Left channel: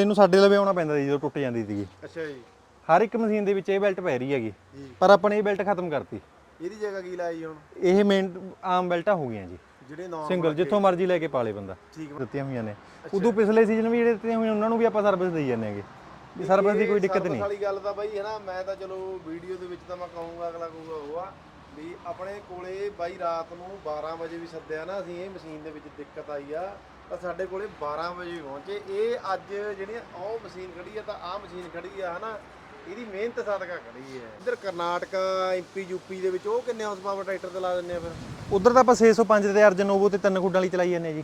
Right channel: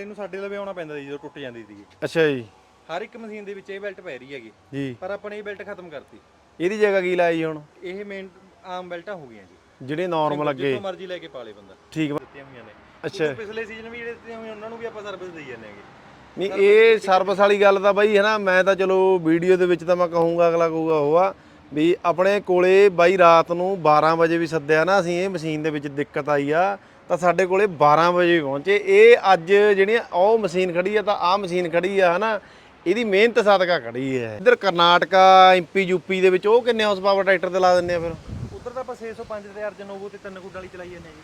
ਇਹਨੂੰ ਸਾਡੇ ਲਵੇ ਆਉਣਾ ਪੈਂਦਾ ਸੀ ਜਦੋਂ ਟੁੱਟ ਜਾਂਦੀ ਸੀਗੀ। ਅੱਛਾ ਜੀ। ਹਰ ਇੱਕ ਮਸ਼ੀਨ ਦੇ ਵਿੱਚ ਇਹ ਬੈਲਟ ਪੈ ਰਹੀ ਹੈਗੀ। ਜੀ। ਪਰ ਆਪਾਂ ਨੇ ਇਹ ਬੈਲਟ ਖਤਮ ਕਰਤੀ। ਇਹਦੀ ਜਗ੍ਹਾ ਕੀ ਲਾਈ ਹੁਣ? ਇਹ ਮੇਨ ਆਮ ਬੈਲਟਾਂ ਹੋ ਗਈਆਂ ਜੀ। ਜਿਹੜੇ ਨਾਰਮਲ ਅੱਗੇ। ਜਿੱਥੋਂ ਮਰਜ਼ੀ ਲੈ ਕੇ ਪਾਲੇ ਬੰਦਾ। ਠੀਕ। ਦਿੱਤੀਆਂ ਹੋਈਆਂ ਨੇ। ਅੱਛਾ। ਉਦੋਂ ਪਿਛਲੇ ਸੀਜ਼ਨ ਵੀ ਜਿਹੜੇ ਦਿੱਤੀਆਂ ਹੋਈਆਂ ਉਹਨਾਂ ਨੂੰ ਵੀ ਆਪਾਂ ਸਰਵਿਸ ਦੇਈ ਜਾਂਦੇ ਹੈਗੇ। ਨਹੀਂ ਇਹ ਸਰਵਿਸ ਵਾਲੀ ਗੱਲ ਤਾਂ ਬਾਈ ਹੈ ਨਾ ਮੈਂ ਤਾਂ ਚਲੋ ਵੀਡੀਓ ਦੇ ਵਿੱਚ ਤਾਂ ਮੈਂ ਕਹੂੰਗਾ ਅਗਲਾ ਕਹੂਗਾ ਉਹ ਆ ਵੀ ਆਪਣੇ ਕੋਲੇ ਬਾਈ ਰਾਤ ਨੂੰ 12 ਵਜੇ ਵੀ ਸੱਦਿਆ ਨਾ ਅਸੀਂ ਇਹ ਮਸ਼ੀਨ ਦੇ ਵਿੱਚ ਦਿੱਕਤ ਆਈ ਆ। ਤਾਂ ਸਾਡੇ ਕੋਲੇ 12 ਵਜੇ ਪਹੁੰਚੇ। ਇਹ ਅੱਜ ਜਿਹੜੀਆਂ ਉਹ ਮਸ਼ੀਨ ਖੜੀ ਆ ਤਾਂ ਆਹ ਮਸ਼ੀਨ ਖੜੀ ਆ ਹਨਾ? ਇਹਦੀ ਮਿਹਨਤ ਸਦਕਾ ਖੜੀ ਹੈ ਇੱਧਰ ਕਰਨਾਟਕਾ ਐਮਪੀ ਯੂਪੀ ਦੇ ਵਿੱਚ ਉਹ ਕਿੰਨੇ ਹਾਰਸ ਪਾਵਰ ਟਰੈਕਟਰ ਤੇ ਲਾ ਦਿੰਦੇ ਆ ਫਿਰ? ਉਧਰ ਤਾਂ ਆਪਾਂ 605 ਤੇ ਅਰਜਨ ਨੋਵੋ ਤੇ ਤਿੰਨ ਖੁੱਡਾਂ ਵਾਲੀ ਚਲਾਈ ਜਾਂਦੇ ਜੀ।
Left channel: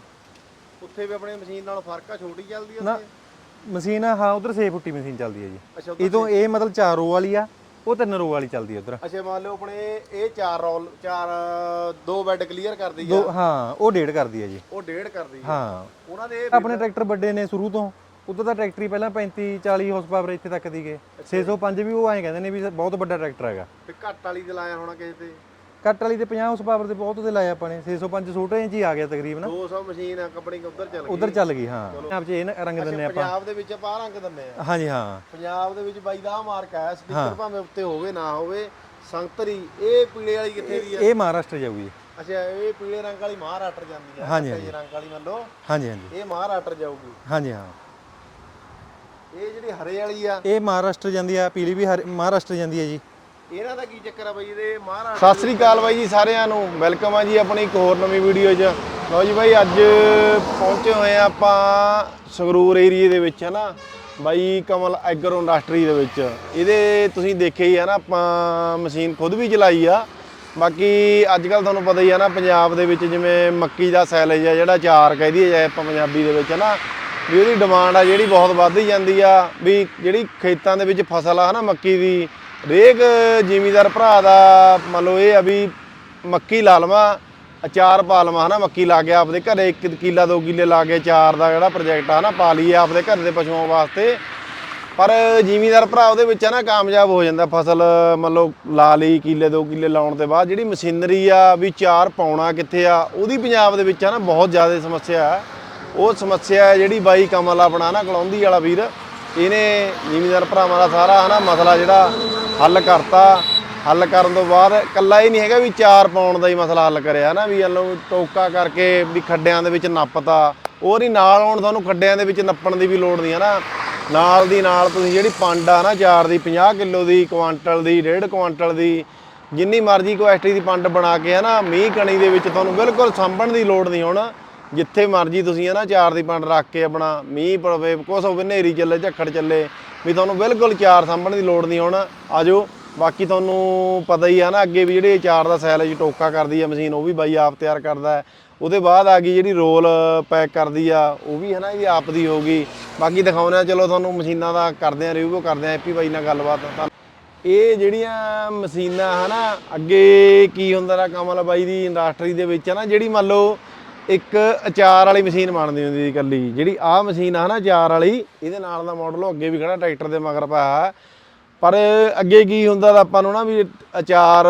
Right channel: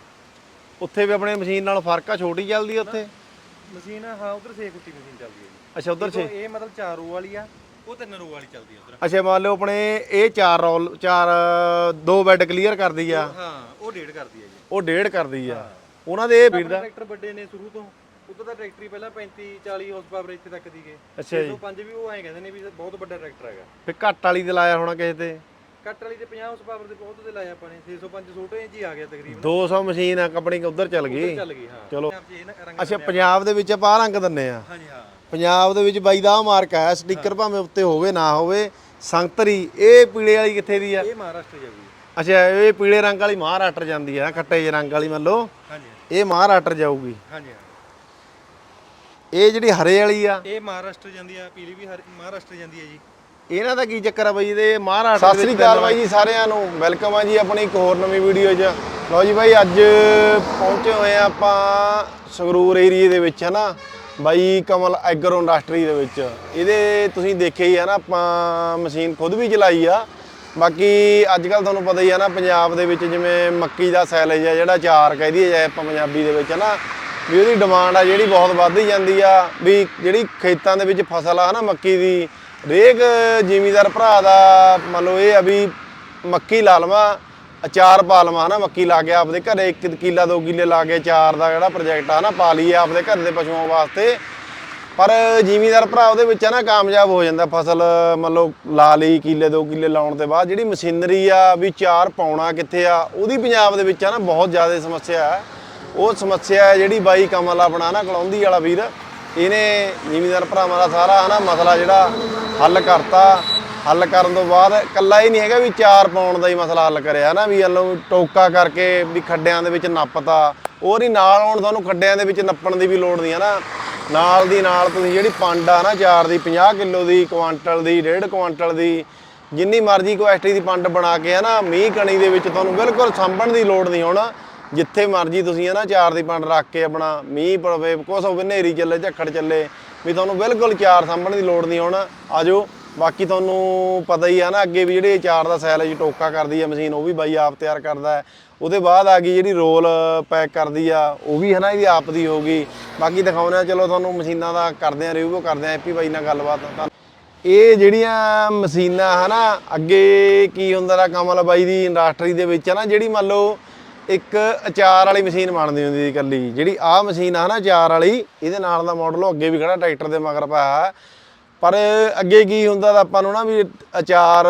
ਉੱਥੇ ਵੀ ਆਪਣੇ ਮਸ਼ੀਨ ਨਾਲ ਫ਼ਰਕ ਆ ਛੋਟੀ ਚੱਲਦੀ ਆ ਉੱਥੇ? ਮਸ਼ੀਨ ਹਾਂ ਉਧਰ 6 ਫੁੱਟੀ ਮਸ਼ੀਨ ਚੱਲਦੀ ਹੈ ਜੀ। ਅੱਛਾ ਉੱਧਰ ਇਹ ਮਤਲਬ 4 ਰੋ ਵਾਲੀ ਆ ਉਹ ਤਿੰਨ ਰੋ ਵਾਲੀ ਚੱਲਦੀ ਹੈ ਉਧਰ। ਅੱਛਾ ਮੰਨ ਲਓ ਆਪਣੇ ਇਹ ਚਾਰ ਰੋਲ ਚਾਰ ਦੋ ਬੈੱਡ ਕਲੀਅਰ ਕਰਦੀ ਆ। ਹਾਂ ਉਹ ਡੇਢ ਕਰਦੀ ਹੈ ਜੀ। ਉਹ ਡੇਢ ਕਰਦੀ ਆ। ਹਾਂ। ਉਹਨਾਂ ਦੇ ਆਪਣੇ ਟਰੈਕਟਰ ਵੱਡੇ ਨੇ ਸ਼ੁਰੂ ਤੋਂ। ਉਧਰ ਤਾਂ ਟਰੈਕਟਰ ਪਹਿਲਾਂ 35 40 ਹਾਰਸ ਪਾਵਰ ਇੱਥੇ ਤੱਕ ਦੀਗੇ 605 ਵੀ ਉਹ ਐਂ ਕਹਿੰਦੇ ਨੇ ਵੀ ਬਹੁਤ ਵੱਡਾ ਟਰੈਕਟਰ ਹੈਗਾ। ਫਿਰ ਘੱਟ ਵਾਲੀ ਤੇ ਲਾਇਆ ਹੋਣਾ ਕਿਸੇ ਤੇ। ਕੱਟ ਵਾਲੀ ਤੇ 50 ਹਾਰਸ ਪਾਵਰ ਤੇ ਬਹੁਤ ਤੇ ਲਾਇਆ ਆਪਾਂ ਨੇ 605 ਛੋਟੇ ਇੰਚ ਹੀ ਆ ਗਿਆ ਤਕਰੀਬਨ। 200 ਮਸ਼ੀਨ ਆ ਕੰਪਨੀ ਉਧਰ ਚੱਲ ਉਧਰ ਗਈ ਚੱਲ ਗਈ ਹਾਂ। ਚਲੋ। ਪੰਜਾਬ 'ਚ ਇਹ ਨਾ ਰੰਗ ਅੱਛਾ ਪੰਜਾਬ ਦੇ ਵਿੱਚ ਆਪਾਂ ਆਹ ਰੰਗ ਦਿੰਨੇ ਆ। ਆ ਹਾਂਜੀ ਹਾਂ। ਪੰਜਾਬ ਦੇ ਵਿੱਚ ਬਾਈ ਦਾ ਮਾਰਕ ਹੈ ਸਟicker ਭਾਵੇਂ ਉੱਤੇ ਹੋਵੇ ਨਾ ਹੋਵੇ ਸੰਗਤਰੀ ਇਹ ਪੀਲੇ ਵਾਲੀ ਕਿੱਥੇ ਦੀ ਆ? ਇਹ ਮਹਾਰਾਸ਼ਟਰ ਜਾਊਗੀ। ਅੱਛਾ ਇਹ ਪੀਲੇ ਰੰਗ ਵਾਲੀ ਮਹਾਰਾਸ਼ਟਰ ਜਾਂਦੀ ਆ ਕੱਟੇ ਜਿਹੇ ਰੰਗ ਵਾਲੀ ਮੰਨ ਲਓ। ਹਾਂਜੀ ਹਾਂਜੀ। ਇਹ ਮਹਾਰਾਸ਼ਟਰ ਜਾਊਗੀ। ਹਾਂਜੀ ਹਾਂ। ਇਹ ਜਿਹੜੀ ਹਰੇ ਵਾਲੀ ਆ। ਇਹ ਮਹਾਰਾਸ਼ਟਰ ਜਾਂਦੀ ਆ ਪੀਲੀ ਵੀ ਹਰ- ਮਹਾਰਾਸ਼ਟਰ ਜਾਂਦੀ ਹੈ ਜੀ। ਇਹਨਾਂ ਦਾ ਕੀ ਚੱਕਰ ਆ ਬਾਈ ਇਹਦੇ ਮਹਾਰਾਸ਼ਟਰ ਸਤਿ ਸ੍ਰੀ ਅਕਾਲ ਬਾਈ ਜੀ ਸਾਰਿਆਂ ਨੂੰ। ਵੈਲਕਮ ਆ ਜੀ ਆਪਣੀ ਇੱਕ ਹੋਰ ਨਵੀਂ ਵੀਡੀਓ 'ਚ। ਲਓ ਜੀ ਬਾਈ ਅੱਜ ਪਹੁੰਚੇ ਹੋਏ ਆ ਆਪਾਂ ਸੰਗਰੂਰ ਏਰੀਏ ਦੇ ਵਿੱਚ ਹਨਾ? ਬਾਈ ਕਮਲ ਐਗਰੋ ਇੰਡਸਟਰੀ ਦੇ ਵਿੱਚ। ਇਹਦੇ ਤੁਸੀਂ ਦੇਖਿਆ ਹੀ ਆ ਨਾ ਆਪਾਂ ਮਸ਼ੀਨ ਖੁਦ ਵੀ ਚਲਾਈ ਆ। ਬਾਕੀ ਅੱਜ ਕੱਲ ਤੁਹਾਨੂੰ ਪਤਾ ਹੀ ਆ ਨਾ ਪੰਜਾਬ ਦੇ ਵਿੱਚ ਜਿਵੇਂ ਮੱਕੀ ਦਾ ਸੈਲੇਜ ਆ ਜਿਹੜਾ ਚਾਰ ਕਹਿ ਦਈਏ ਜਾਏ ਆਪਾਂ ਪੰਜਾਬੀ ਦੇ ਵਿੱਚ ਹਨਾ? ਵੀ ਉਹਦੀ ਡਿਮਾਂਡ ਆ ਜਿਹੜੀ ਬਹੁਤ ਵੱਧ ਜਾਂਦੀ ਆ ਵੀ ਜਿਹੜੀ ਖੇਤਾਂ ਦੇ ਵਿੱਚ ਫਸਲ ਆ ਹਨਾ ਮੱਕੀ ਦੀ ਰੇਕ ਜ਼ਿਮੀਦਾਰ ਭਰਾ ਦਾ ਮੰਨ ਲਓ ਇਹ ਆ ਵੀ ਮੱਕੀ ਲਾ ਲਵਾਂ, ਅਚਾਰ ਪਾ ਲਵਾਂ, ਹਨਾ, ਮੱਕੀ ਲਾ ਕੇ ਆਪਦੇ ਘਰੇ 1 ਕਿੱਲਾ 2 ਕਿੱਲੇ ਲਾ ਕੇ ਅਚਾਰ ਦਾ ਜਿਹੜਾ ਪ੍ਰੋਜੈਕਟ ਆ ਨਾ, ਪਾ ਲਈਏ ਆਪਦੇ ਘਰ ਦੇ ਪਸ਼ੂਆਂ ਵਾਸਤੇ। ਪਰ ਜ਼ਿਮੀਦਾਰ ਭਰਾ ਉਹਦੇ ਵਿੱਚ ਆ ਨਾ ਕਾਮਯਾਬ ਹੋ ਜਾਂਦਾ, ਫਸਲ ਮੰਨ ਲਓ ਲਾ ਲਈ, ਕਿੱਲੇ 2 ਕਿੱਲੇ ਲਾਉਣ ਤੋਂ ਬਾਅਦ ਜਿਹੜੀ ਮਸ਼ੀਨਰੀ ਆ, ਵੀ ਚਾਰ ਪਾਉਣਾ ਕਿੱਥੇ ਆ, ਉਹਦੀ ਪੰਜਾਬ ਦੇ ਵਿੱਚ ਆ ਨਾ ਬਹੁਤ ਜ਼ਿਆਦਾ ਸਮੱਸਿਆ ਹੈ ਉਹ ਸਮੱਸਿਆ ਹੈ ਜਿਹੜੀ ਬਾਈ ਕਮਲ ਆਪਣਾ ਨਾ, ਕਲੌਂਦੀ ਵਾਲਾ ਵੀਰ, ਇਹਨੇ ਜ਼ਿਮੀਦਾਰ ਭਰਾਵਾਂ ਦਾ ਸਾਰਾ ਹਨਾ ਮਸਲਾ ਜਿਹੜਾ ਹੱਲ ਕਰਤਾ। ਹੱਲ ਕਰਨ ਤੋਂ ਬਾਅਦ ਕੱਲਾ ਹੀ ਨਹੀਂ ਹੈਗਾ ਵੀ ਚਾਰ ਪਾਉਣ ਦਾ ਹੀ ਮਸਲਾ ਹੱਲ ਕਰਿਆ ਨਾ ਵੀ ਹਲੋ ਟੋਕਾ ਕਰਕੇ ਵੀ ਖੱਡਿਆਂ ਦੇ ਵਿੱਚ ਨੱਪਤਾ। ਉਹ ਨਹੀਂ, ਨਾਲ ਆਉਣ ਤੁਹਾਨੂੰ ਖੱਡਿਆਂ ਦੇ ਵਿੱਚ ਨੱਪਣ ਦੀ ਵੀ ਲੋੜ ਨਹੀਂ ਹੈ ਨਾ ਨਾਲ ਦੀ ਨਾਲ ਤੁਸੀਂ ਜਿਹੜੀ ਪੰਡ ਆ ਨਾ, ਚਾਰ ਦੀ 50 ਕਿਲੋ ਦੀ, ਕੁਆਂਟਲ ਦੀ 1.5 ਕੁਆਂਟਲ ਦੀ, ਜਿੰਨੀ ਮਰਜ਼ੀ ਕੁਆਸਟੀ ਦੀ ਪੰਡ ਬਣਾ ਕੇ ਹੈ ਨਾ ਮੀਂਹ ਕਣੀ ਦੇ ਵਿੱਚ ਤੁਹਾਨੂੰ ਬਿਲਕੁਲ ਸਾਂਭਣ ਦੀ ਲੋੜ ਨਹੀਂ ਹੁਣ। ਜਿੱਥੇ ਮਰਜ਼ੀ ਤੁਸੀਂ ਹੈ ਨਾ ਚਾਰ ਦੀ ਪੰਡ ਰੱਖ ਕੇ ਆਪਣਾ ਮੀਂਹ ਪਵੇ, ਕੁਛ ਹੋਵੇ, ਹਨੇਰੀ ਚੱਲੇ, ਝੱਖੜ ਚੱਲੇ, ਵੀ ਤੁਹਾਨੂੰ ਬਿਲਕੁਲ ਚਾਰ ਸਾਂਭਣ ਦੀ ਲੋੜ ਨਹੀਂ ਹੁਣ, ਆਜੋ। ਬਾਕੀ ਤੁਹਾਨੂੰ ਪਤਾ ਹੀ ਆ ਨਾ ਅੱਗੇ ਵੀ ਜਿਹੜੇ ਚਾਰ ਦਾ ਸੈਲ ਸੈਲੇਜ ਟੋਕਾ ਕਰਦੀ ਆ ਮਸ਼ੀਨ, ਉਹ ਵੀ ਬਾਈ ਆਪ ਤਿਆਰ ਕਰਦਾ ਉਹਦੇ ਬਾਅਦ ਆ ਗਈ ਜਿਹੜੀ ਰੋਲ ਪੈਕ ਕਰਦੀ ਆ, ਉਹ ਵੀ ਹੈ ਨਾ ਇਹਦੀ ਆਪ ਦੀ ਹੋਗੀ ਬਾਕੀ ਦਿਖਾਉਂਦੇ ਆ, ਚਲੋ ਤੁਹਾਨੂੰ ਮਸ਼ੀਨਾਂ ਦਾ ਕਰਦੇ ਆ ਰਿਵਿਊ ਕਰਦੇ ਆ ਐਪੀ ਬਾਈ ਨਾਲ ਗੱਲਬਾਤ। ਤਾਂ ਇਹ ਜਿਹੜੀਆਂ ਮਸ਼ੀਨਾਂ ਹਨਾ, ਅੱਗੇ ਕੀ ਹੁੰਦਾ ਦਾ ਕਮਲ ਬਾਈ ਦੀ ਇੰਡਸਟਰੀ ਦੇ ਵਿੱਚ ਹੈ ਨਾ ਜਿਹੜੀ ਮੰਨ ਲਓ ਇੱਕ ਅਚਾਰ ਵਾਲੀ ਮਸ਼ੀਨ ਬਣਦੀ ਹੁੰਦੀ ਸੀ ਇਕੱਲੀ। ਜਿਹੜੀ ਆਹ ਮਸ਼ੀਨ ਆ ਨਾ ਅਚਾਰ ਵਾਲੀ, ਇਹਦੇ ਨਾਲ ਦਾ ਮਾਡਲ ਅੱਗੇ ਵੀ ਖੜਾ ਟਰੈਕਟਰ ਦੇ ਮਗਰ ਪਾਇਆ ਪਰ ਅੱਗੇ ਕੀ ਹੁੰਦਾ ਤਾਂ ਆਪਾਂ ਨੂੰ ਨਾ ਵੀ ਅਚਾਰ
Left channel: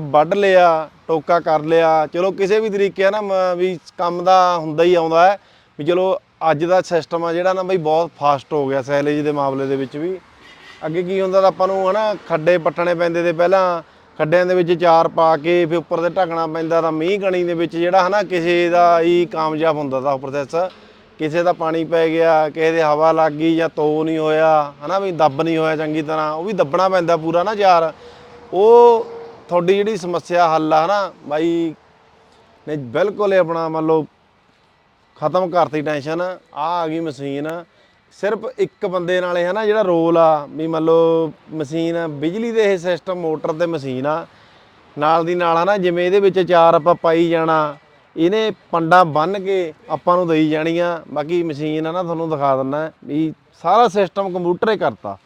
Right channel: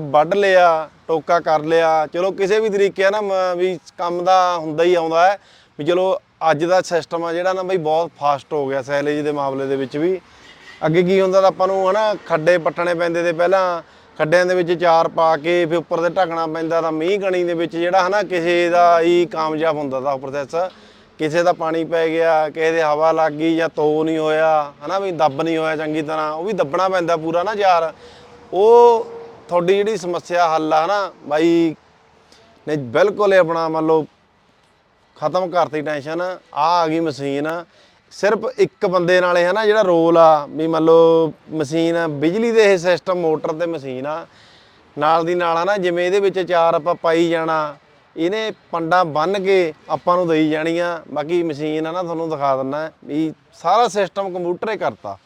ਵੱਢ ਲਿਆ, ਟੋਕਾ ਕਰ ਲਿਆ। ਚਲੋ ਕਿਸੇ ਵੀ ਤਰੀਕੇ ਆ ਨਾ ਮ- ਵੀ ਕੰਮ ਦਾ ਹੁੰਦਾ ਹੀ ਆਉਂਦਾ ਹੈ। ਵੀ ਚਲੋ ਅੱਜ ਦਾ ਸਿਸਟਮ ਆ ਜਿਹੜਾ ਨਾ ਬਈ ਬਹੁਤ ਫਾਸਟ ਹੋ ਗਿਆ, ਸੈਲੇਜ ਦੇ ਮਾਮਲੇ ਦੇ ਵਿੱਚ ਵੀ। ਅੱਗੇ ਕੀ ਹੁੰਦਾ ਤਾਂ ਆਪਾਂ ਨੂੰ ਹਨਾ ਖੱਡੇ ਪੱਟਣੇ ਪੈਂਦੇ ਤੇ ਪਹਿਲਾਂ ਖੱਡਿਆਂ ਦੇ ਵਿੱਚ ਚਾਰ ਪਾ ਕੇ ਫਿਰ ਉੱਪਰ ਤੇ ਢੱਕਣਾ ਪੈਂਦਾ ਤਾਂ ਮੀਂਹ ਕਣੀ ਦੇ ਵਿੱਚ ਜਿਹੜਾ ਹਨਾ ਕਿਸੇ ਦਾ ਹੀ ਕਾਮਯਾਬ ਹੁੰਦਾ ਤਾਂ ਉਹ ਪ੍ਰੋਸੈਸ ਕਿਸੇ ਦਾ ਪਾਣੀ ਪੈ ਗਿਆ, ਕਿਸੇ ਦੇ ਹਵਾ ਲੱਗ ਗਈ ਜਾਂ ਤੋ ਨਹੀਂ ਹੋਇਆ, ਹਨਾ ਵੀ ਦੱਬ ਨਹੀਂ ਹੋਇਆ ਚੰਗੀ ਤਰ੍ਹਾਂ, ਉਹ ਵੀ ਦੱਬਣਾ ਪੈਂਦਾ ਪੂਰਾ ਨਾ ਚਾਰ ਉਹ ਤੁਹਾਡੀ ਜਿਹੜੀ ਸਮੱਸਿਆ ਹੱਲ ਆ ਹਨਾ, ਬਾਈ ਨੇ ਬਿਲਕੁਲ ਹੀ ਆਪਣਾ ਮੰਨ ਲਓ ਖਤਮ ਕਰਤੀ ਟੈਨਸ਼ਨ ਆ ਆ ਗਈ ਮਸ਼ੀਨ। ਸਿਰਫ ਇੱਕ ਬੰਦੇ ਨਾਲ ਹੈ ਨਾ ਜਿਹੜਾ ਰੋਲ ਆ, ਵੀ ਮੰਨ ਲਓ ਮਸ਼ੀਨ ਬਿਜਲੀ ਦੇ ਇਹ ਸਿਸਟਮ ਮੋਟਰ ਤੇ ਮਸ਼ੀਨ ਆ, ਨਾਲ ਦੀ ਨਾਲ ਹਨਾ ਜਿਵੇਂ ਇਹਦੇ ਵਿੱਚ ਚਾਰ ਆਪਾਂ ਪਾਈ ਜਾਣਾ, ਇਹਨੇ ਪੰਡਾ ਬੰਨ ਕੇ ਆਪਾਂ ਨੂੰ ਦੇਈ ਜਾਣੀਆਂ, ਬਾਕੀ ਮਸ਼ੀਨ ਆ ਨਾ ਤੁਹਾਨੂੰ ਦਿਖਾ ਦਿੰਨਾ ਵੀ ਸਾਰਾ ਸਿਸਟਮ ਕੰਪਿਊਟਰ ਹੀ ਕਰਤਾ।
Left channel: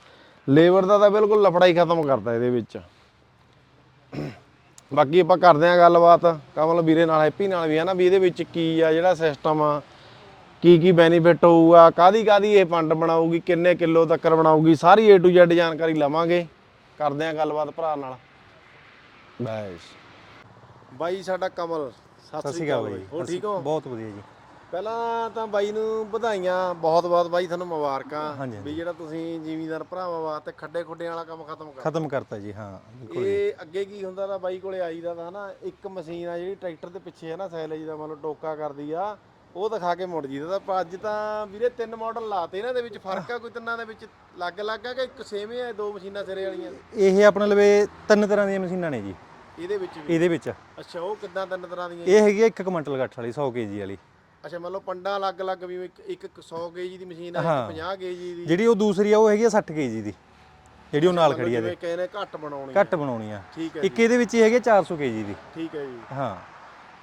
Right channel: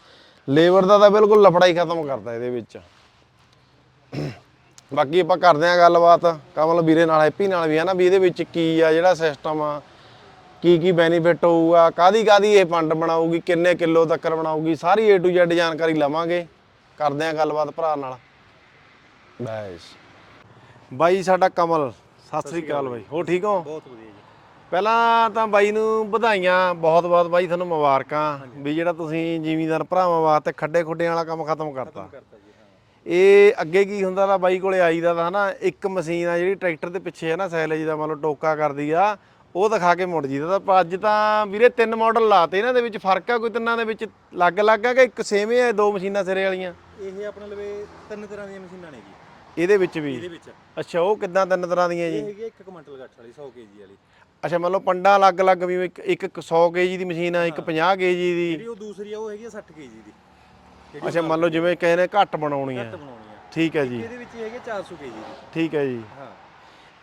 ਲੇਬਰ ਦਾ ਤਾਂ ਬਿਲਕੁਲ ਲਫੜਾ ਹੀ ਖਤਮ ਕਰਤਾ ਇਹਦੇ ਵਿੱਚ। ਬਾਕੀ ਆਪਾਂ ਕਰਦੇ ਆਂ ਗੱਲਬਾਤ, ਕਮਲ ਵੀਰੇ ਨਾਲ ਹੈਪੀ ਨਾਲ ਵੀ ਹੈ ਨਾ, ਵੀ ਇਹਦੇ ਵਿੱਚ ਕੀ ਆ, ਜਿਹੜਾ ਸਿਸਟਮ ਆ ਕੀ ਕੀ ਬੈਨੀਫਿਟ ਹੋਊਗਾ ਕਾਦੀ ਕਾਦੀ ਇਹ ਪੰਡ ਬਣਾਊਗੀ ਕਿੰਨੇ ਕਿਲੋ ਤੱਕ ਬਣਾਊਗੀ ਸਾਰੀ A to Z ਜਾਣਕਾਰੀ ਲਵਾਂਗੇ। ਕਰਦੇ ਆਂ ਗੱਲਬਾਤ ਭਰਾ ਨਾਲ। ਬੈਸ। ਬਾਈ ਸਾਡਾ ਕਮਲ ਸਤਿ ਸ੍ਰੀ ਅਕਾਲ ਬਾਈ। ਹੋ ਠੀਕ ਹੋ? ਬਹੁਤ ਵਧੀਆ ਜੀ। ਪਹਿਲਾਂ ਤਾਂ ਬਾਈ ਨੂੰ ਵਧਾਈਆਂ ਬਹੁਤ ਬਹੁਤ ਬਾਈ ਤੁਹਾਨੂੰ ਮੁਬਾਰਕਾਂ। ਵੀ ਜਿਹੜਾ ਤੁਸੀਂ ਜ਼ਿਮੀਂਦਾਰ ਭਰਾਵਾਂ ਵਾਸਤੇ ਖੱਡੇ ਖੁੱਡਿਆਂ ਵਾਲਾ ਕੰਮ ਖਤਮ ਕਰਤਾ। ਖਤਮ ਕਰਤਾ ਜੀ ਹਾਂ। ਇਹ ਅੱਗੇ ਕੀ ਹੁੰਦਾ ਤਾਂ ਬਾਈ ਕੋਲੇ ਆਈਦਾ ਤਾਂ ਹਨਾ ਇੱਕ ਮਸ਼ੀਨ ਆ ਜਿਹੜੀ ਟਰੈਕਟਰ ਦੇ ਪਿੱਛੇ ਹੈ ਨਾ ਸੈਲੇਜ ਦਾ ਮੰਨ ਲਓ ਟੋਕਾ ਕਰਦੀ ਆ। ਉਹ ਦਿਖਾ ਕੇ ਮੁੜ ਜੀਦਾ ਤਾਂ ਅੱਜ ਤਾਂ ਵੀਰੇ ਤਿੰਨ ਮਾਡਲ ਲਾਤੇ ਇਹਨਾਂ ਦੇ ਵਿੱਚ ਫ਼ਰਕ ਆ ਕੋਈ ਤਿੰਨਾਂ ਦੇ ਵਿੱਚ ਲੱਗ-ਲੱਗ ਆ ਕਿ ਇੱਕ ਸੇਮ ਹੀ ਆ ਦੋ ਮਸ਼ੀਨਾਂ ਸਿਰੇ ਵਾਲੀਆਂ? ਇਹ ਆਪਣੇ ਲਵੇ ਤਿੰਨ ਤਰ੍ਹਾਂ ਦੀਆਂ ਮਸ਼ੀਨਾਂ ਨੇ ਜੀ। ਇਹਦੇ ਵਿੱਚ ਵੀ? ਇਹਦੇ ਵਿੱਚ। ਅੱਛਾ ਉਹ ਕਿੱਦਾਂ ਤਿੰਨ ਤਰ੍ਹਾਂ ਦੀਆਂ ਜੀ? ਇਹ ਹੈਗੀ ਆ ਇੱਕ ਕੁਇੰਟਲ ਗੱਠ ਵਾਲੀ 100 ਕੇਜੀ ਵਾਲੀ। ਅੱਛਾ ਮੰਨ ਲਓ ਪੰਡਾ ਅਲੱਗ-ਅਲੱਗ ਵੀ ਇੱਕ ਇੱਕ 100 ਕੇਜੀ ਦੀ ਮਸ਼ੀਨ ਆ ਇੱਕ 50 ਕੇਜੀ ਦੀ। ਜਿਹੜੀ ਉਹ ਦੂਸਰੀ ਆ ਉਹ ਹੈਗੀ ਆ 60 ਕੇਜੀ ਦੀ। ਜਿਹੜੀ ਉਹ ਨਾਲ ਮੰਨ ਲਓ ਜਿਵੇਂ ਕਹੇ ਨੇ ਘੱਟ ਬਣਾਉਣੀ ਆ। ਘੱਟ ਬਣਾਉਣੀ ਆ। ਠੀਕ ਹੈ ਇੱਕ ਜੀ। ਇਹਦੇ ਵਿੱਚ ਹੀ ਹੈਗੀ ਆ 400 ਕੇਜੀ ਦੀ। ਠੀਕ ਹੈ ਜੀ। ਹਾਂ।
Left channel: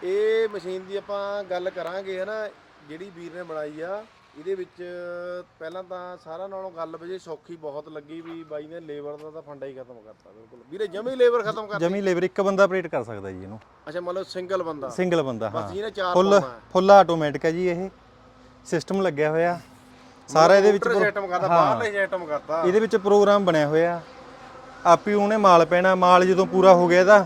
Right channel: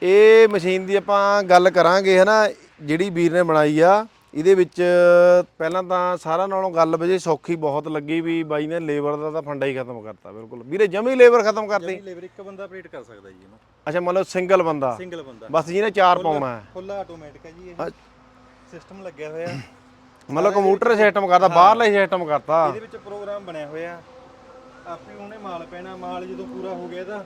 ਇਹ ਮਸ਼ੀਨ ਦੀ ਆਪਾਂ ਗੱਲ ਕਰਾਂਗੇ ਹਨਾ ਜਿਹੜੀ ਵੀਰ ਨੇ ਬਣਾਈ ਆ ਇਹਦੇ ਵਿੱਚ ਪਹਿਲਾਂ ਤਾਂ ਸਾਰਿਆਂ ਨਾਲੋਂ ਗੱਲ ਵਜੇ ਸੌਖੀ ਬਹੁਤ ਲੱਗੀ ਵੀ ਬਾਈ ਨੇ ਲੇਬਰ ਦਾ ਤਾਂ ਫੰਡਾ ਹੀ ਖਤਮ ਕਰਤਾ ਬਿਲਕੁਲ। ਵੀਰੇ ਜਮੀ ਲੇਬਰ ਖਤਮ ਕਰਤੀ। ਜਮੀ ਲੇਬਰ ਇੱਕ ਬੰਦਾ ਆਪਰੇਟ ਕਰ ਸਕਦਾ ਜੀ ਇਹਨੂੰ। ਅੱਛਾ ਮੰਨ ਲਓ ਸਿੰਗਲ ਬੰਦਾ। ਸਿੰਗਲ ਬੰਦਾ ਬਸ ਜਿਹਨੇ ਚਾਰ ਪਾਉਣਾ ਹੈ ਫੁੱਲ ਆਟੋਮੈਟਿਕ ਹੈ ਜੀ ਇਹ। ਸਿਸਟਮ ਲੱਗਿਆ ਹੋਇਆ। ਸਾਰਾ ਕੰਪਿਊਟਰ ਸਿਸਟਮ ਕਰਦਾ ਬਾਹਰਲਾ ਸਿਸਟਮ ਕਰਤਾ। ਇਹਦੇ ਵਿੱਚ ਪ੍ਰੋਗਰਾਮ ਬਣਿਆ ਹੋਇਆ। ਆਪੀ ਉਹਨੇ ਮਾਲ ਪੈਣਾ ਮਾਲ ਜਦੋਂ ਪੂਰਾ ਹੋ ਗਿਆ ਇਹਦਾ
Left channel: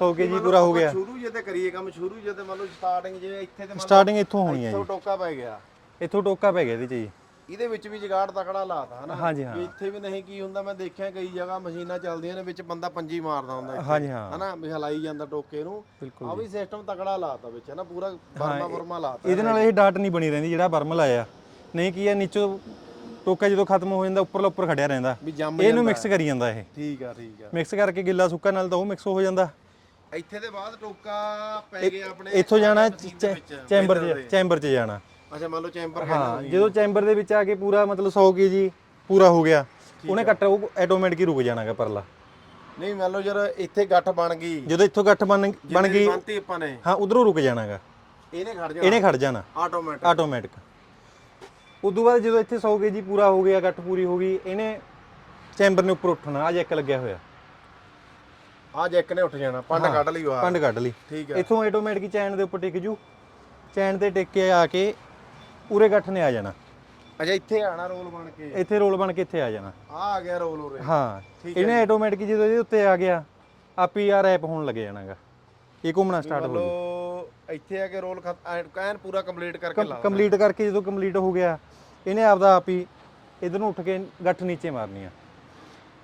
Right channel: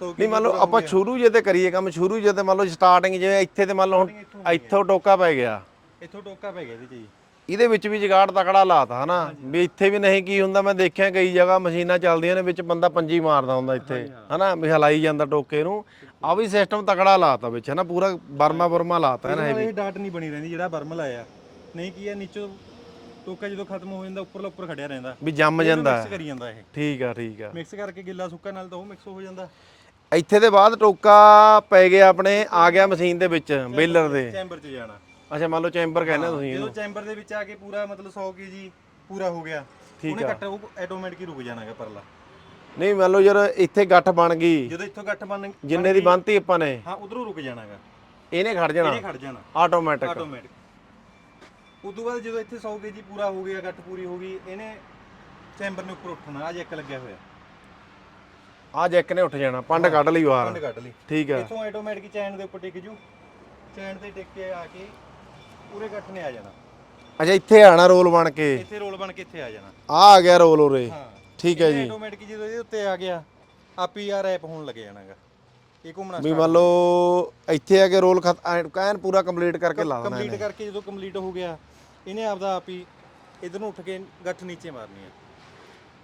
100 ਵੀ ਕੇਜੀ ਮੰਨ ਲਓ ਹੋ ਆਪਾਂ ਸ਼ੁਰੂ ਜੇ ਤੇ ਕਰੀਏ ਕੰਮ ਸ਼ੁਰੂ ਜੇ ਤੇ ਮੰਨ ਲਓ ਸਟਾਰਟਿੰਗ ਜਿਵੇਂ ਇੱਥੇ ਤੇ ਮੰਨ ਲਓ ਸਟਾਰਟਿੰਗ ਇੱਥੋਂ ਹੋਣੀ ਹੈ ਇੱਥੋਂ ਟੋਕਾ ਪੈ ਗਿਆ। ਇੱਥੋਂ ਟੋਕਾ ਪੈ ਗਿਆ ਇਹਦੇ ਚ ਜੀ। ਇਹਦੇ ਵਿੱਚ ਵੀ ਜਗਾੜ ਤਕੜਾ ਲਾਤਾ ਹਨਾ? ਵੀ ਇੱਥੇ ਵੀ ਨਹੀਂ ਕੀ ਹੁੰਦਾ ਮੈਂ ਦੇਖਿਆ ਕਈ ਜਗ੍ਹਾ ਮਸ਼ੀਨਾਂ ਚੱਲਦੀਆਂ ਨੇ ਵਿੱਚ ਬੰਦਾ ਪੰਜੀ ਮਾਰਦਾ ਹੁੰਦਾ ਇੱਥੇ ਹਾਂ। ਹਨਾ? ਵੀ ਹਲਾਈ ਜਾਂਦਾ ਟੋਕੇ ਨੂੰ। ਆ ਵੀ ਸਿਸਟਮ ਤਕੜਾ ਲਾਤਾ ਵਿੱਚ ਹਨਾ? ਪੂਰਾ ਬਰਮਾ ਬਰਮਾ ਲਾਤਾ ਇਹਦੇ ਨਾਲ ਇਹ। ਡਾਟ ਨਹੀਂ ਬਣੀ ਰਹਿੰਦੀ ਜਿਹੜਾ ਬਰਮ ਲਾਇਆ। ਨਹੀਂ ਕੀ ਆ ਨੀਚੋਂ ਟੋਕਾ ਜਦੋਂ ਖਤਮ ਹੋ ਜਾਂਦਾ ਉੱਪਰਲਾ ਉੱਪਰ ਖੜਿਆ ਰਹਿੰਦਾ। ਵੀ ਜੰਮ ਇਹਨੂੰ ਜਾਂਦਾ। ਮਿਕਸ ਕਰੀ ਜਾਂਦਾ ਇਹ। ਠੀਕ ਆ ਠੀਕ ਆ। ਮਿਕਸ ਕਰਕੇ ਗਿੱਲਾ ਸੁੱਕਾ ਨਾਲ ਤਾਂ ਉਹ ਮਿਕਸ ਹੋ ਜਾਂਦਾ। ਇੱਥੇ ਦੇ ਬਾਅਦ ਟੋਕਾ ਪੈ ਗਿਆ ਆਪਣੇ ਇੱਥੋਂ ਆ ਗਿਆ ਜਾਣਾ ਮਸ਼ੀਨ ਦੇ ਵਿੱਚ ਚੈਂਬਰ ਚ- ਦੇ। ਚੈਂਬਰ 'ਚ ਜਾਣਾ। ਅੱਛਾ ਮੰਨ ਲਓ ਚੈਂਬਰ ਕਹਿੰਦੇ ਤੁਸੀਂ। ਜਦੋਂ ਚੈਂਬਰ ਦੇ ਵਿੱਚ ਆ ਕੇ ਪੂਰਾ ਮਤਲਬ 100 ਕੇਜੀ ਪੂਰਾ ਹੋ ਗਿਆ ਉਹਨੇ ਕੱਟ ਉਹ ਆਟੋਮੈਟਿਕ ਹੀ ਰੁਕ ਜਾਣਾਗਾ ਪਰਲਾ। ਨਹੀਂ ਮੰਨ ਲਓ ਯਾਰ ਇੱਥੇ ਗੱਠ ਬਣ ਗਈ। ਜਦੋਂ ਇੱਥੋਂ ਗੱਠ ਬਣ ਬਣ ਜਿੰਨੇ ਦੀ ਗਈ ਬੰਨਤੀ ਆਪਾਂ ਨੇ। ਹਾਂ ਉਧਰੋਂ ਰੁਕ ਜਾਣਾਗਾ। ਇਹਨੇ ਖੜ ਜਾਣਾ। ਇਹਨੇ ਖੜ ਜਾਣਾ। ਆਟੋਮੈਟਿਕ ਆਟੋਮੈਟਿਕ ਉਦੋਂ ਬਾਅਦ ਜਦੋਂ ਇੱਥੇ 100 ਕੇਜੀ ਪੂਰਾ ਹੋ ਗਿਆ ਗੱਠ ਪੂਰੀ ਹੋ ਗਈ ਇਹਨੇ ਚੈਂਬਰ ਨੇ ਉੱਪਰ ਉੱਠਣਾ ਅੱਜ ਇੱਕ ਲੱਗਿਆ ਹੋਇਆ। ਆ ਜੈਕ ਨੇ ਉੱਠ ਜਾਣਾ ਪੰਡ ਕੱਢ ਲਈ ਬਾਹਰ। ਪੰਡ ਕੱਢ ਲਈ। ਠੀਕ ਹੈ। ਇੱਥੋਂ ਆਟੋਮੈਟਿਕ ਚੈਨ ਦੇ ਉੱਪਰ ਟਿਕ ਜੂ। ਚੈਨ ਤੇ ਟਿਕ ਕੇ ਆ ਕੇ ਪੂਰੇ ਗੱਠ ਨੇ ਆ ਜਾਣਾ। ਅੱਛਾ ਇੱਥੇ ਆਣਾ ਰੋਲ ਬਣ ਕੇ? ਇੱਥੇ ਰੋਲ ਬਣ ਕੇ ਇੱਥੇ ਆ ਜਾਣਾ। ਆ ਆ ਗਿਆ ਰੋਲ ਉਰੇ। ਹਾਂ ਠੀਕ ਹੈ ਇਹਨੇ ਆਟੋਮੈਟਿਕ ਜਦੋਂ ਇਹਦੇ ਉੱਤੇ ਆ ਗਿਆ ਆਪੀ ਆ ਰੈਪ ਹੋਣ ਲੱਗ ਜਾਣਾਗਾ। ਇਹ ਘੁੰਮਣਾ ਵੀ ਮੰਨ ਲਓ ਇੱਥੇ ਆ ਕੇ ਰੋਲ ਐਨ ਪੂਰਾ ਕੰਪਲੀਟ ਕਰਕੇ ਲਾ ਕੰਪਲੀਟ ਕਰਕੇ ਜਦੋਂ ਕੰਪਲੀਟ ਹੋ ਗਿਆ ਇਹਨੇ ਆਪਦਾ ਆਪ ਹੀ ਇਧਰ ਨੂੰ ਉੱਠ ਕੇ ਗੱਠ ਨੀਚੇ ਮਾਰਨੀ ਆ।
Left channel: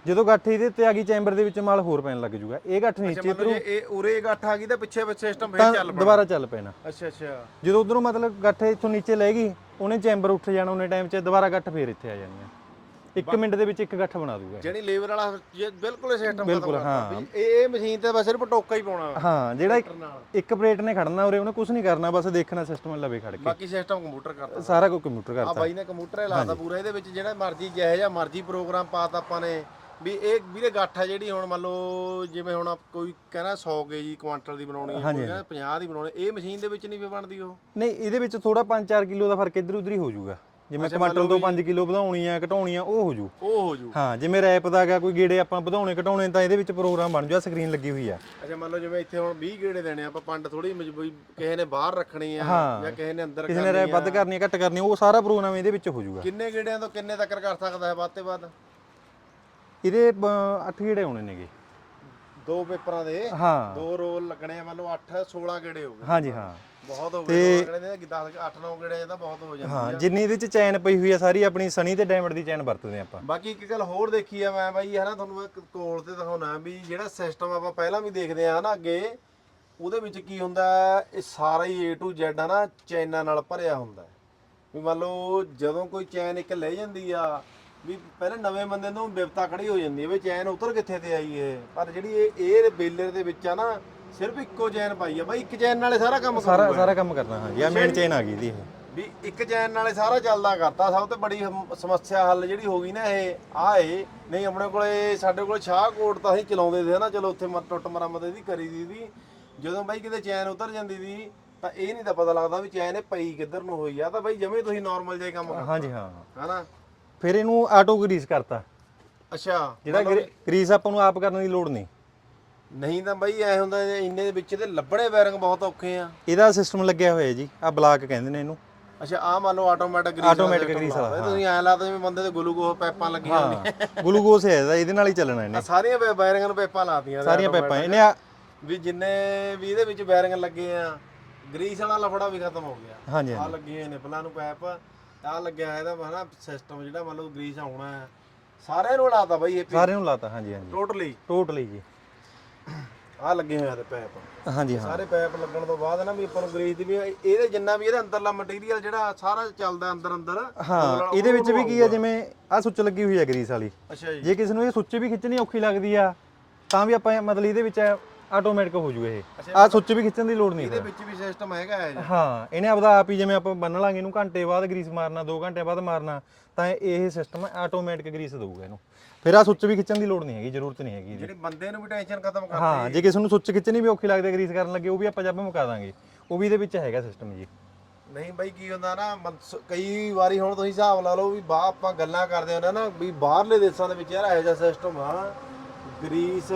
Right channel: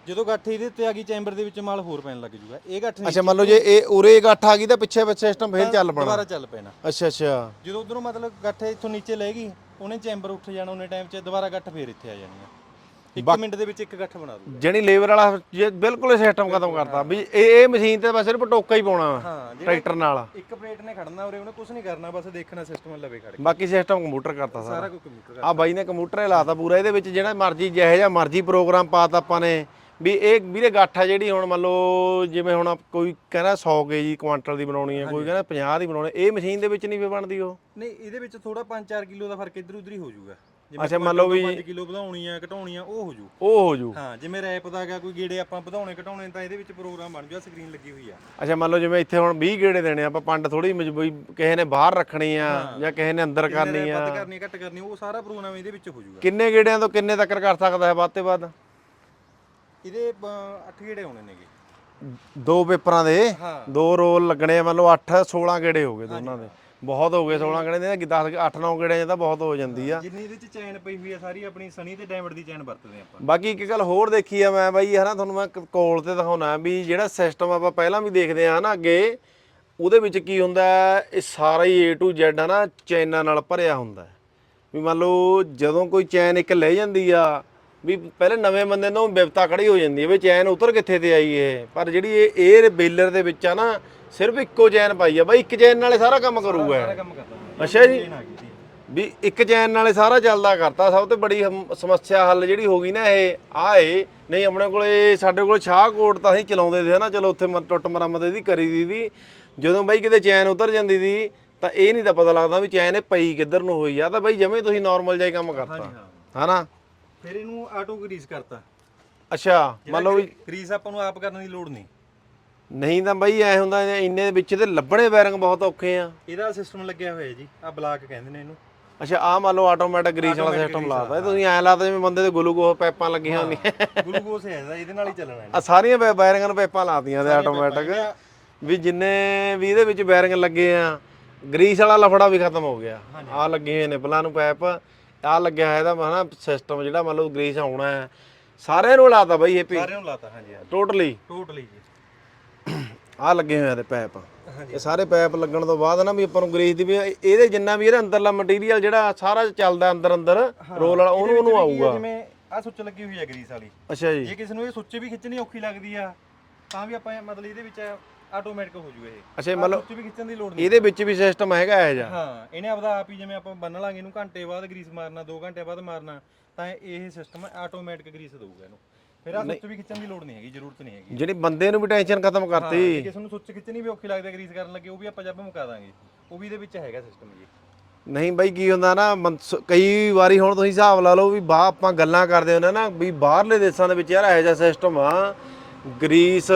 ਜਦੋਂ ਗੱਠ ਇਹਦੇ ਉੱਤੇ ਆ ਗਈ ਚੈਂਬਰ ਦੇ ਵਿੱਚ ਮਾਲ ਹੋਰ ਪੈਣ ਲੱਗ ਜੂਗਾ। ਇਹ ਗੱਠ ਅੱਛਾ ਨੀਚੇ ਮੰਨ ਲਓ ਜੇ ਇਹ ਉਰੇ ਗੱਠ ਆ ਗਈ ਤਾਂ ਪਿੱਛੇ ਪਿੱਛੇ ਸਿਸਟਮ ਫੇਰ ਚੱਲ ਪਣਾ। ਦੁਬਾਰਾ ਚੱਲ ਪੈਣਾ। ਅੱਛਾ ਅੱਛਾ। ਜਦੋਂ ਉਧਰੋਂ ਮਤਲਬ ਗੱਠ ਇੱਥੋਂ ਨੀਚੇ ਲੈ ਗਈ ਉਹਨੇ ਚੈਂਬਰ ਉੱਠ ਜਾਣਾ ਉਹਨੇ ਟਾਈਮ 'ਚ ਦੁਬਾਰਾ ਗੱਠ ਫੇਰ ਇੱਥੇ ਆ ਜਾਣੀ ਆ। ਇੱਕ ਮਿੰਟ ਦੇ ਵਿੱਚ ਇੱਕ ਗੱਠ ਬਣਾ ਦੂਗਾ। ਜਿਹੜੀ ਲੇਬਰ ਵਾਲਾ ਜੇ ਬਿਲਕੁਲ ਸਿਸਟਮ ਖਤਮ ਕਰਤਾ। ਵੀ ਇਹ ਇਹ ਮਸ਼ੀਨ ਤੇ ਬਸ ਸਿਰਫ ਟੋਕਾ ਹੀ ਪਾਉਣਾ ਹਾਂ ਜਿਹੜਾ ਟਰੈਕਟਰ ਨਾਲ। ਇੱਕ ਪਲੇਟ ਨੇ ਖੜਨਾ ਉਰੇ ਉਹਨੇ ਕੁਝ ਨਹੀਂ ਕਰਨਾ ਬਸ ਦੇਖਣਾ ਸਿਸਟਮ ਲਵੇ ਖੜ ਕੇ। ਬਾਕੀ ਸਿਸਟਮ ਕੰਪਿਊਟਰ ਕਰਤਾ ਸਾਰਾ। ਕੁਝ ਕੰਪਿਊਟਰ ਆ ਕਰਦਾ ਬਾਈ ਨੇ ਕੰਪਿਊਟਰ ਹੀ ਲਾਤਾ ਪੂਰਾ। ਇਹਦੇ ਵਿੱਚ ਜਿਹੜਾ ਮਰਜ਼ੀ ਜਿਹੋ ਜਿਹਾ ਮਰਜ਼ੀ ਪ੍ਰੋਗਰਾਮ ਪਾਤਾ ਆਪਾਂ ਨੇ। ਵੀ ਇਹ ਵੀਰੇ ਗੱਠ ਆ ਜਿਹੜੀ ਹੁਣ ਮੰਨ ਲਓ ਜਿਵੇਂ ਹੁਣ ਕੋਈ ਕਹਿੰਦਾ 100 ਕੇਜੀ ਕੁਆਂਟਲ ਦੀ ਬਣਾਉਣੀ ਹੈ ਕੋਈ ਕਹਿੰਦਾ 50 ਦੀ ਬਣਾਉਣੀ ਇਹ ਮਸ਼ੀਨ ਦੇ ਵਿੱਚ ਨਹੀਂ ਵੀ ਬਣਦੀ ਉਹ? ਨਹੀਂ ਇਹਦੇ ਵਿੱਚ ਥੋੜਾ 5-4 ਕਿਲੋ ਦਾ ਫ਼ਰਕ ਇੱਧਰ ਉੱਧਰ ਹੀ ਹੋ ਜਾਊਗਾ ਜਿਵੇਂ ਮੰਨ ਲਓ ਤੋਂ 5 ਕਿਲੋ ਵਧਾਉਣੀ ਆ ਘਟਾਉਣੀ ਆ ਉਹ ਹੋ ਜੂ ਉਹ ਹੋ ਜੂ ਹਾਂ ਜਿਵੇਂ ਰੈਪ ਦਾ ਗਾ ਕੋਈ ਗੇੜੇ ਆਪਾਂ ਵਧਾਉਣੇ ਘਟਾਉਣੇ ਤਾਂ ਇਹਦੇ ਵਿੱਚ ਪ੍ਰੋਗਰਾਮ ਬਣ ਜੂਗਾ ਸਕਰੀਨ ਲੱਗੀ ਹੋਈ ਆ। ਅੱਛਾ ਮੰਨ ਲਓ ਜਿਵੇਂ ਇੱਥੇ ਹੁਣ 20 ਗੇੜੇ ਦੇਣੇ ਆ, ਆਪਾਂ ਪੰਡ ਥੋੜੀ ਮਜਬੂਰੀ ਕਿਸੇ ਨੇ ਬਾਹਰ ਰੱਖਣੀ ਆ ਜਾਂ ਕਿਸੇ ਨੇ ਅੰਦਰ ਕਰਨੀ ਆ ਵੱਧ ਕਰਨੀ ਘੱਟ ਕਰਨੀ ਉਹ ਸਾਰਾ ਪ੍ਰੋਗਰਾਮ ਇਹਦੇ ਵਿੱਚ ਹੋ ਜਾਊਗਾ ਕਿੰਨੇ ਗੇੜਿਆਂ ਤੋਂ ਕਿੰਨੇ ਤੱਕ ਕਰ ਸਕਦਾ ਹੈ ਵੱਧ ਤੇ ਵੱਧ? ਇਹਦੇ 8 ਗੇੜੇ ਆਉਣੇ ਨੇਗੇ। ਦੋ ਪੇਪਰਾਂ ਦੇ? ਹਾਂ। ਦੋ ਰੋਲ ਲੱਗਣੇ ਆ ਮੰਨ ਲਓ 8 16 ਗੇੜੇ ਹੋ ਗਏ ਹਾਂਜੀ, ਦੋਨਾਂ ਦੇ। ਬਹੁਤ ਹੋ ਗਏ ਦੋਨਾਂ ਗੇੜੇ ਦੇ 10 8 9 ਗੇੜਿਆਂ 'ਚ ਤਾਂ ਬਹੁਤ ਹੋ ਜਾਂਦੀ ਆ। ਜਿੰਨੀ ਇਹਦੇ ਵਿੱਚ ਚੈਨ ਪਈ ਹੋਈ ਆ ਸਾਰੀ ਆਪਣੀ ਸਨੀ ਤੇ ਡਾਇਮੰਡ ਦੀ ਚੈਨ ਵਰਤਦੇ ਆਪਾਂ। ਬਾਕੀ ਇੱਕ ਗੱਲ ਹੋਰ ਦੇਖੀ ਆ ਮੈਂ ਬਾਈ ਹਨਾ ਤੁਹਾਨੂੰ ਮੈਂ ਕ- ਕੋਲ ਤੇ ਦਿਖਾਉਣਾ ਵੀ ਜਿਹੜਾ ਸਿਸਟਮ ਆਪਾਂ ਪਹਿਲਾਂ ਵੀ ਦੇਖਦੇ ਆ ਹਨਾ ਅੱਗੇ ਉਹਦੇ ਵਿੱਚ ਕੀ ਹੁੰਦਾ ਹੈ, ਇਹ ਸਾਰਾ ਹੀ A to Z ਹਨਾ ਚੈਨਾਂ ਨਾਲ ਭਰਿਆ ਹੁੰਦਾ। ਹੈ। ਵੀ ਮੰਨ ਲਓ ਜਦੋਂ ਕੋਈ ਚੈਨ ਇੱਕ ਲੈ ਜਾਂਦੀ ਆ ਵੀ ਪਹਿਲੇ ਨਵੇਂ ਬੰਦੇ ਨੂੰ ਬਿਪਤਾ ਖੜੀ ਹੋ ਜਾਂਦੀ ਹੈ ਵੀ ਚੈਨ ਉਤਰ ਕਿੱਥੇ ਤੇ ਆਈ ਇਹ? ਪਰ ਜਿਹੜੀ ਇਹ 에ਅਰ ਬੇਲਰ ਦੇ ਵਿੱਚ ਆ ਨਾ ਸਿਰਫ ਇੱਕੋ ਚੈਨ ਪਾਈ ਆ। ਬਾਈ ਇੱਕ ਚੈਨ ਨਾਲੇ ਸਾਰਾ ਕੰਮ ਸਾਰਾ ਕਰੂਗਾ ਸਾਰਾ ਕੰਮ ਕਰਦਾ ਹਾਂ ਅੱਛਾ ਜੀ। ਚੈਨ ਆ ਗਈ ਦੀ ਇਹ। ਵੀ ਇੱਕ ਚੈਨ ਨਾਲੇ ਸਾਰਾ ਚੱਲਦਾ ਕਰਤਾ। ਸਭ ਤੋਂ ਬੜੀ ਹਮ- ਸਮੱਸਿਆ ਹੱਲ ਜਿਹੜੀ ਹੋ ਗਈ ਨਾ ਇਹ ਆ ਏ ਨਹੀਂ ਆਪਣੇ ਕੋਲੇ ਸਾਡੇ ਕੋਲ ਸ਼ਾਹਕੋਟ ਤਾਂ ਅਸੀਂ ਚਲਾਉਂਦੇ ਸੀ ਨਾ। ਚਲੋ ਉੱਥੇ ਮ- ਟੁੱਟ ਮਰਮਤ ਇਹਦੀ ਕਰੀ ਦੀ ਦੀ ਜਦੋਂ ਬਾਈ ਕਿਤੇ ਚੈਨ ਉਤਰ ਜਾਂਦੀ ਸੀ ਤਾਂ ਇਹ ਨਹੀਂ ਤਾਂ ਪਤਾ ਲੱਗਦਾ ਵੀ ਚੈਨ ਇਹ ਪਈ ਕਿੱਧਰ ਨੂੰ ਹੋਈ ਆ। ਤਾਂ ਬਾਈ ਜਿਵੇਂ ਤੁਸੀਂ ਨਾਰਮਲ ਜਿਹਾ ਹੀ ਕੰਮ ਕਰਤਾ। ਹਾਂਜੀ ਹਾਂ। ਹਨਾ? ਫਿਰ ਇਹਨੂੰ ਆਟੋ ਗਰੀਸ ਕਰਤਾ। ਅੱਛਾ ਮੰਨ ਲਓ ਵੀ ਗਰੀਸ ਆਪਾਂ ਨੂੰ ਆਪ ਕਰਨ ਦੀ ਲੋੜ ਨਹੀਂ। ਨਹੀਂ ਤਾਂ ਬਾਈ ਐ ਹੁੰਦਾ ਜੇ ਇੰਨੇ ਵਿੱਚ ਤੇ ਲੱਭਣੇ ਬੈਰਿੰਗ ਬਹੁਤ ਔਖੇ ਆ। ਇਹਦਾ ਸਿਸਟਮ ਲੱਗਿਆ ਹੋਇਆ ਜੀ ਆ ਬਲਾਕ ਕਹਿੰਦੇ ਨੇ ਇਹਨੂੰ। ਅੱਛਾ ਆ ਮੰਨ ਲਓ ਆਟੋਮੈਟਿਕ ਗਰੀਸ ਵਾਲਾ Automatic ਸਿਸਟਮ grease ਲਾਦਾ ਤੁਸੀਂ ਐਂ ਲੱਗਦਾ ਜਿਵੇਂ ਬੰਦੇ ਦੇ ਗਲੂਕੋਸ ਪਾਈਪਾਂ ਲੱਗੀਆਂ ਹੁੰਦੀਆਂ। ਗਲੂਕੋਸ ਹੈ ਇਹਦਾ ਇਹਦੇ ਨਾਲ ਹੀ ਚੱਲਣਾ ਇਹਨੇ। ਆ ਸਾਰੀਆਂ ਬੈਰਿੰਗਾਂ ਨੂੰ ਪਾਈਪਾਂ ਲਾਤੀਆਂ ਤੇ ਸਾਰੀਆਂ ਆਟੋਮੈਟਿਕ ਆ- ਵੀ ਜਿੰਨੇ ਵੀ ਇਹਦੇ ਵਿੱਚ ਬੈਰਿੰਗ ਲੱਗੇ ਆ ਗਰੀਸ ਵਾਲਾ ਲਫੜਾ ਵੀ ਖਤਮ ਹੋ ਗਿਆ। ਹਾਂਜੀ, ਆ ਲੱਗੇ ਹੋਏ ਨੇ ਨਿਪਲਾਂ ਨੂੰ ਪਾਈਪ। ਆ ਲੱਗਿਆ ਹੋਇਆ ਇਹਦਾ ਹਨਾ ਸਿਸਟਮ ਜਿਹੜਾ ਮੰਨ ਲਓ ਗਰੀਸ ਆਉਣਾ ਹੈ ਸਾਰਿਆਂ ਨੂੰ ਲਾਤਾ ਬਾਈ ਇਹ ਸਾਰਿਆਂ ਨੂੰ ਲਾਤਾ ਹਾਂਜੀ ਹਾਂਜੀ। ਟੋਟਲੀ ਟੋਟਲੀ ਜੀ। ਆ ਲੱਗੇ ਹੋਏ ਆ ਤੇ ਪਾਈਪ ਹਾਂਜੀ ਸਾਰੇ ਪਾਈਪ ਲੱਗਣ ਤੋਂ ਬਾਅਦ ਨਾ ਵੀ ਆਪਾਂ ਨੂੰ ਗਰੀਸ ਦੀ ਵੀ ਇਹਦੇ ਜਿੰਨਾ ਵੀ ਇਹਦਾ ਅੰਦਰਲਾ ਮਟੀਰੀਅਲ ਜਿਹੜਾ ਸਾਰਾ ਚੱਲਦਾ ਅੰਦਰ ਅੰਦਰ ਰੋਲ ਵਾਲਾ ਇਹਦੇ ਵਿੱਚ ਵੀ ਕੀ ਹੈ ਆਊਗਾ। ਜਿਵੇਂ ਆ ਸੁੱਚ ਲੱਗੀ ਹੋਈ ਹੈ ਗਰੀਸ ਵਾਲੀ। ਅੱਛਾ ਜੀ। ਜੇ ਕਿਸੇ ਨੂੰ ਇਹ ਸੁੱਚ ਵੀ ਖਿੱਚਣੀ ਔਖੀ ਲੱਗਦੀ ਆ ਤਾਂ ਵੀ ਆਪਾਂ ਮਤਲਬ ਇਹਦੇ ਵਿੱਚ ਆਟੋਮੈਟਿਕ ਹੋ ਜੂ ਇਹ। ਅੱਛਾ, ਆ ਸੁੱਚ ਵੀ ਖਿੱਚਣ ਦੀ ਲੋੜ ਨਹੀਂ ਇਹਦੇ ਵਿੱਚ ਵੀ ਸਿਸਟਮ ਹੈਗਾ ਇਹ ਜਿਹਾ? ਹਾਂ ਇਹਨੇ ਆਪਦਾ ਆਪ ਹੀ ਜਿਵੇਂ ਆਪਾਂ ਬੰਨ ਲਾਂਗੇ ਇਹਨੂੰ ਘੰਟੇ ਬਾਅਦ ਗਰੀਸ ਮਾਰਨਾ 2 ਘੰਟੇ ਬਾਅਦ ਮਾਰਨਾ ਤਾਂ ਇਹ ਸਿਸਟਮ ਆਟੋਮੈਟਿਕ ਗਰੀਸ ਦਊਗਾ ਇਹਨੂੰ। ਫਿਰ ਆ ਸੁੱਚ ਵੀ ਖਿੱਚਣ ਦੀ ਲੋੜ ਨਹੀਂ ਹੈਗੀ ਜ਼ਰੂਰਤ ਨਹੀਂ ਹੈਗੀ। ਜਿਹੜੀ ਬੰਦੇ ਨੂੰ ਵੀ ਟੈਨਸ਼ਨ ਖਤਮ ਹਾਂ ਕਰਤੀ। ਜੇ ਕਿਸੇ ਨੂੰ ਸੁੱਚ ਖਿੱਚਣੀ ਵੀ ਔਖੀ ਲੱਗਦੀ ਗਰੀਸ ਕਰਨ ਲੱਗੇ ਉਹ ਵੀ ਆਪਾਂ ਜੱਬ ਮੁਕਾ ਦਾਂਗੇ। ਉਹ ਵੀ ਇਹਦੇ ਵਿੱਚ ਹੈਗਾ ਸਿਸਟਮ ਜੀ। ਨਹੀਂ ਬਾਈ ਕੀ ਹੁੰਦਾ ਨਾ ਮਨ- ਸ- ਕਈ ਵਾਰੀ ਹੁਣ ਤੁਸੀਂ ਹਿਸਾਬ ਲਾ ਲਓ ਵੀ ਬਾਹ ਆਪਾਂ ਗੱਲਾਂ ਕਰਦੇ ਹੁੰਦੇ ਨਾ ਵੀ ਬਾਹਰਲੇ ਦੇਸ਼ਾਂ ਦੇ ਵਿੱਚ ਯਾਰ ਇਹੋ ਜਿਹਾ ਸਿਸਟਮ ਆ। ਗਰੀਸ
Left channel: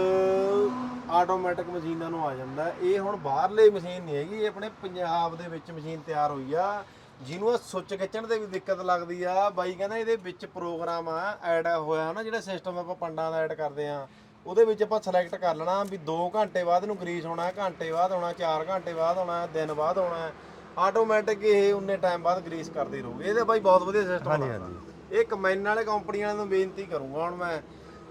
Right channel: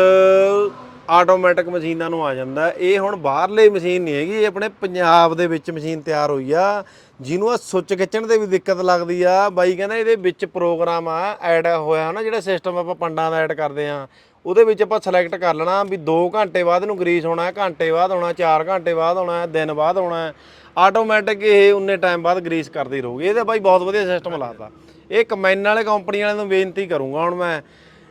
ਆਟੋਮੈਟਿਕ ਮਸ਼ੀਨਾਂ ਨੂੰ ਆ ਜਾਂਦਾ ਇਹ ਹੁਣ ਬਾਹਰਲੇ ਮਸ਼ੀਨ ਨਹੀਂ ਹੈਗੀ ਇਹ ਆਪਣੇ ਪੰਜਾਬ ਦੇ ਵਿੱਚ ਮਸ਼ੀਨ ਤਿਆਰ ਹੋਈ ਆ। ਜਿਹਨੂੰ ਆ ਸੁੱਚ ਖਿੱਚਣ ਤੇ ਵੀ ਦਿੱਕਤ ਲੱਗਦੀ ਆ। ਬਾਈ ਕਹਿੰਦਾ ਇਹਦੇ ਵਿੱਚ ਪ੍ਰੋਗਰਾਮ ਆ ਐਡ ਹੋਇਆ ਨਾ ਜਿਹੜਾ ਸਿਸਟਮ ਆਪਾਂ ਪੰਡਾਂ ਦਾ ਐਡ ਕਰਦੇ ਆ ਉਹਦੇ ਵਿੱਚ ਆਪਾਂ ਸਿਲੈਕਟ ਕਰ ਲੈਣਾ ਵੀ 2 ਘੰਟੇ ਬਾਅਦ ਇਹਨੂੰ ਗਰੀਸ ਹੋਣਾ ਹੈ ਘੰਟੇ ਬਾਅਦ ਹੋਣਾ 4 ਘੰਟੇ ਬਾਅਦ ਹੋਣਾ ਹੈ ਦਿਨ ਬਾਅਦ ਹੋਣਾ ਹੈ। ਆਟੋਮੈਟਿਕ ਇਹ ਉਨੇ ਟਾਈਮ ਬਾਅਦ ਗਰੀਸ ਕਰਦੀ ਰਹੂਗੀ। ਇਹ ਤਾਂ ਬਾਈ ਬਹੁਤ ਵਧੀਆ ਸਿਸਟਮ ਲੱਗਦਾ ਇਹ ਕਮੈਨ ਵਾਲੇ ਕੰਪਨੀ ਵਾਲਿਆਂ ਨੂੰ ਬੇਨਤੀ ਕਰੂੰਗਾ ਹੁਣ ਮੈਂ।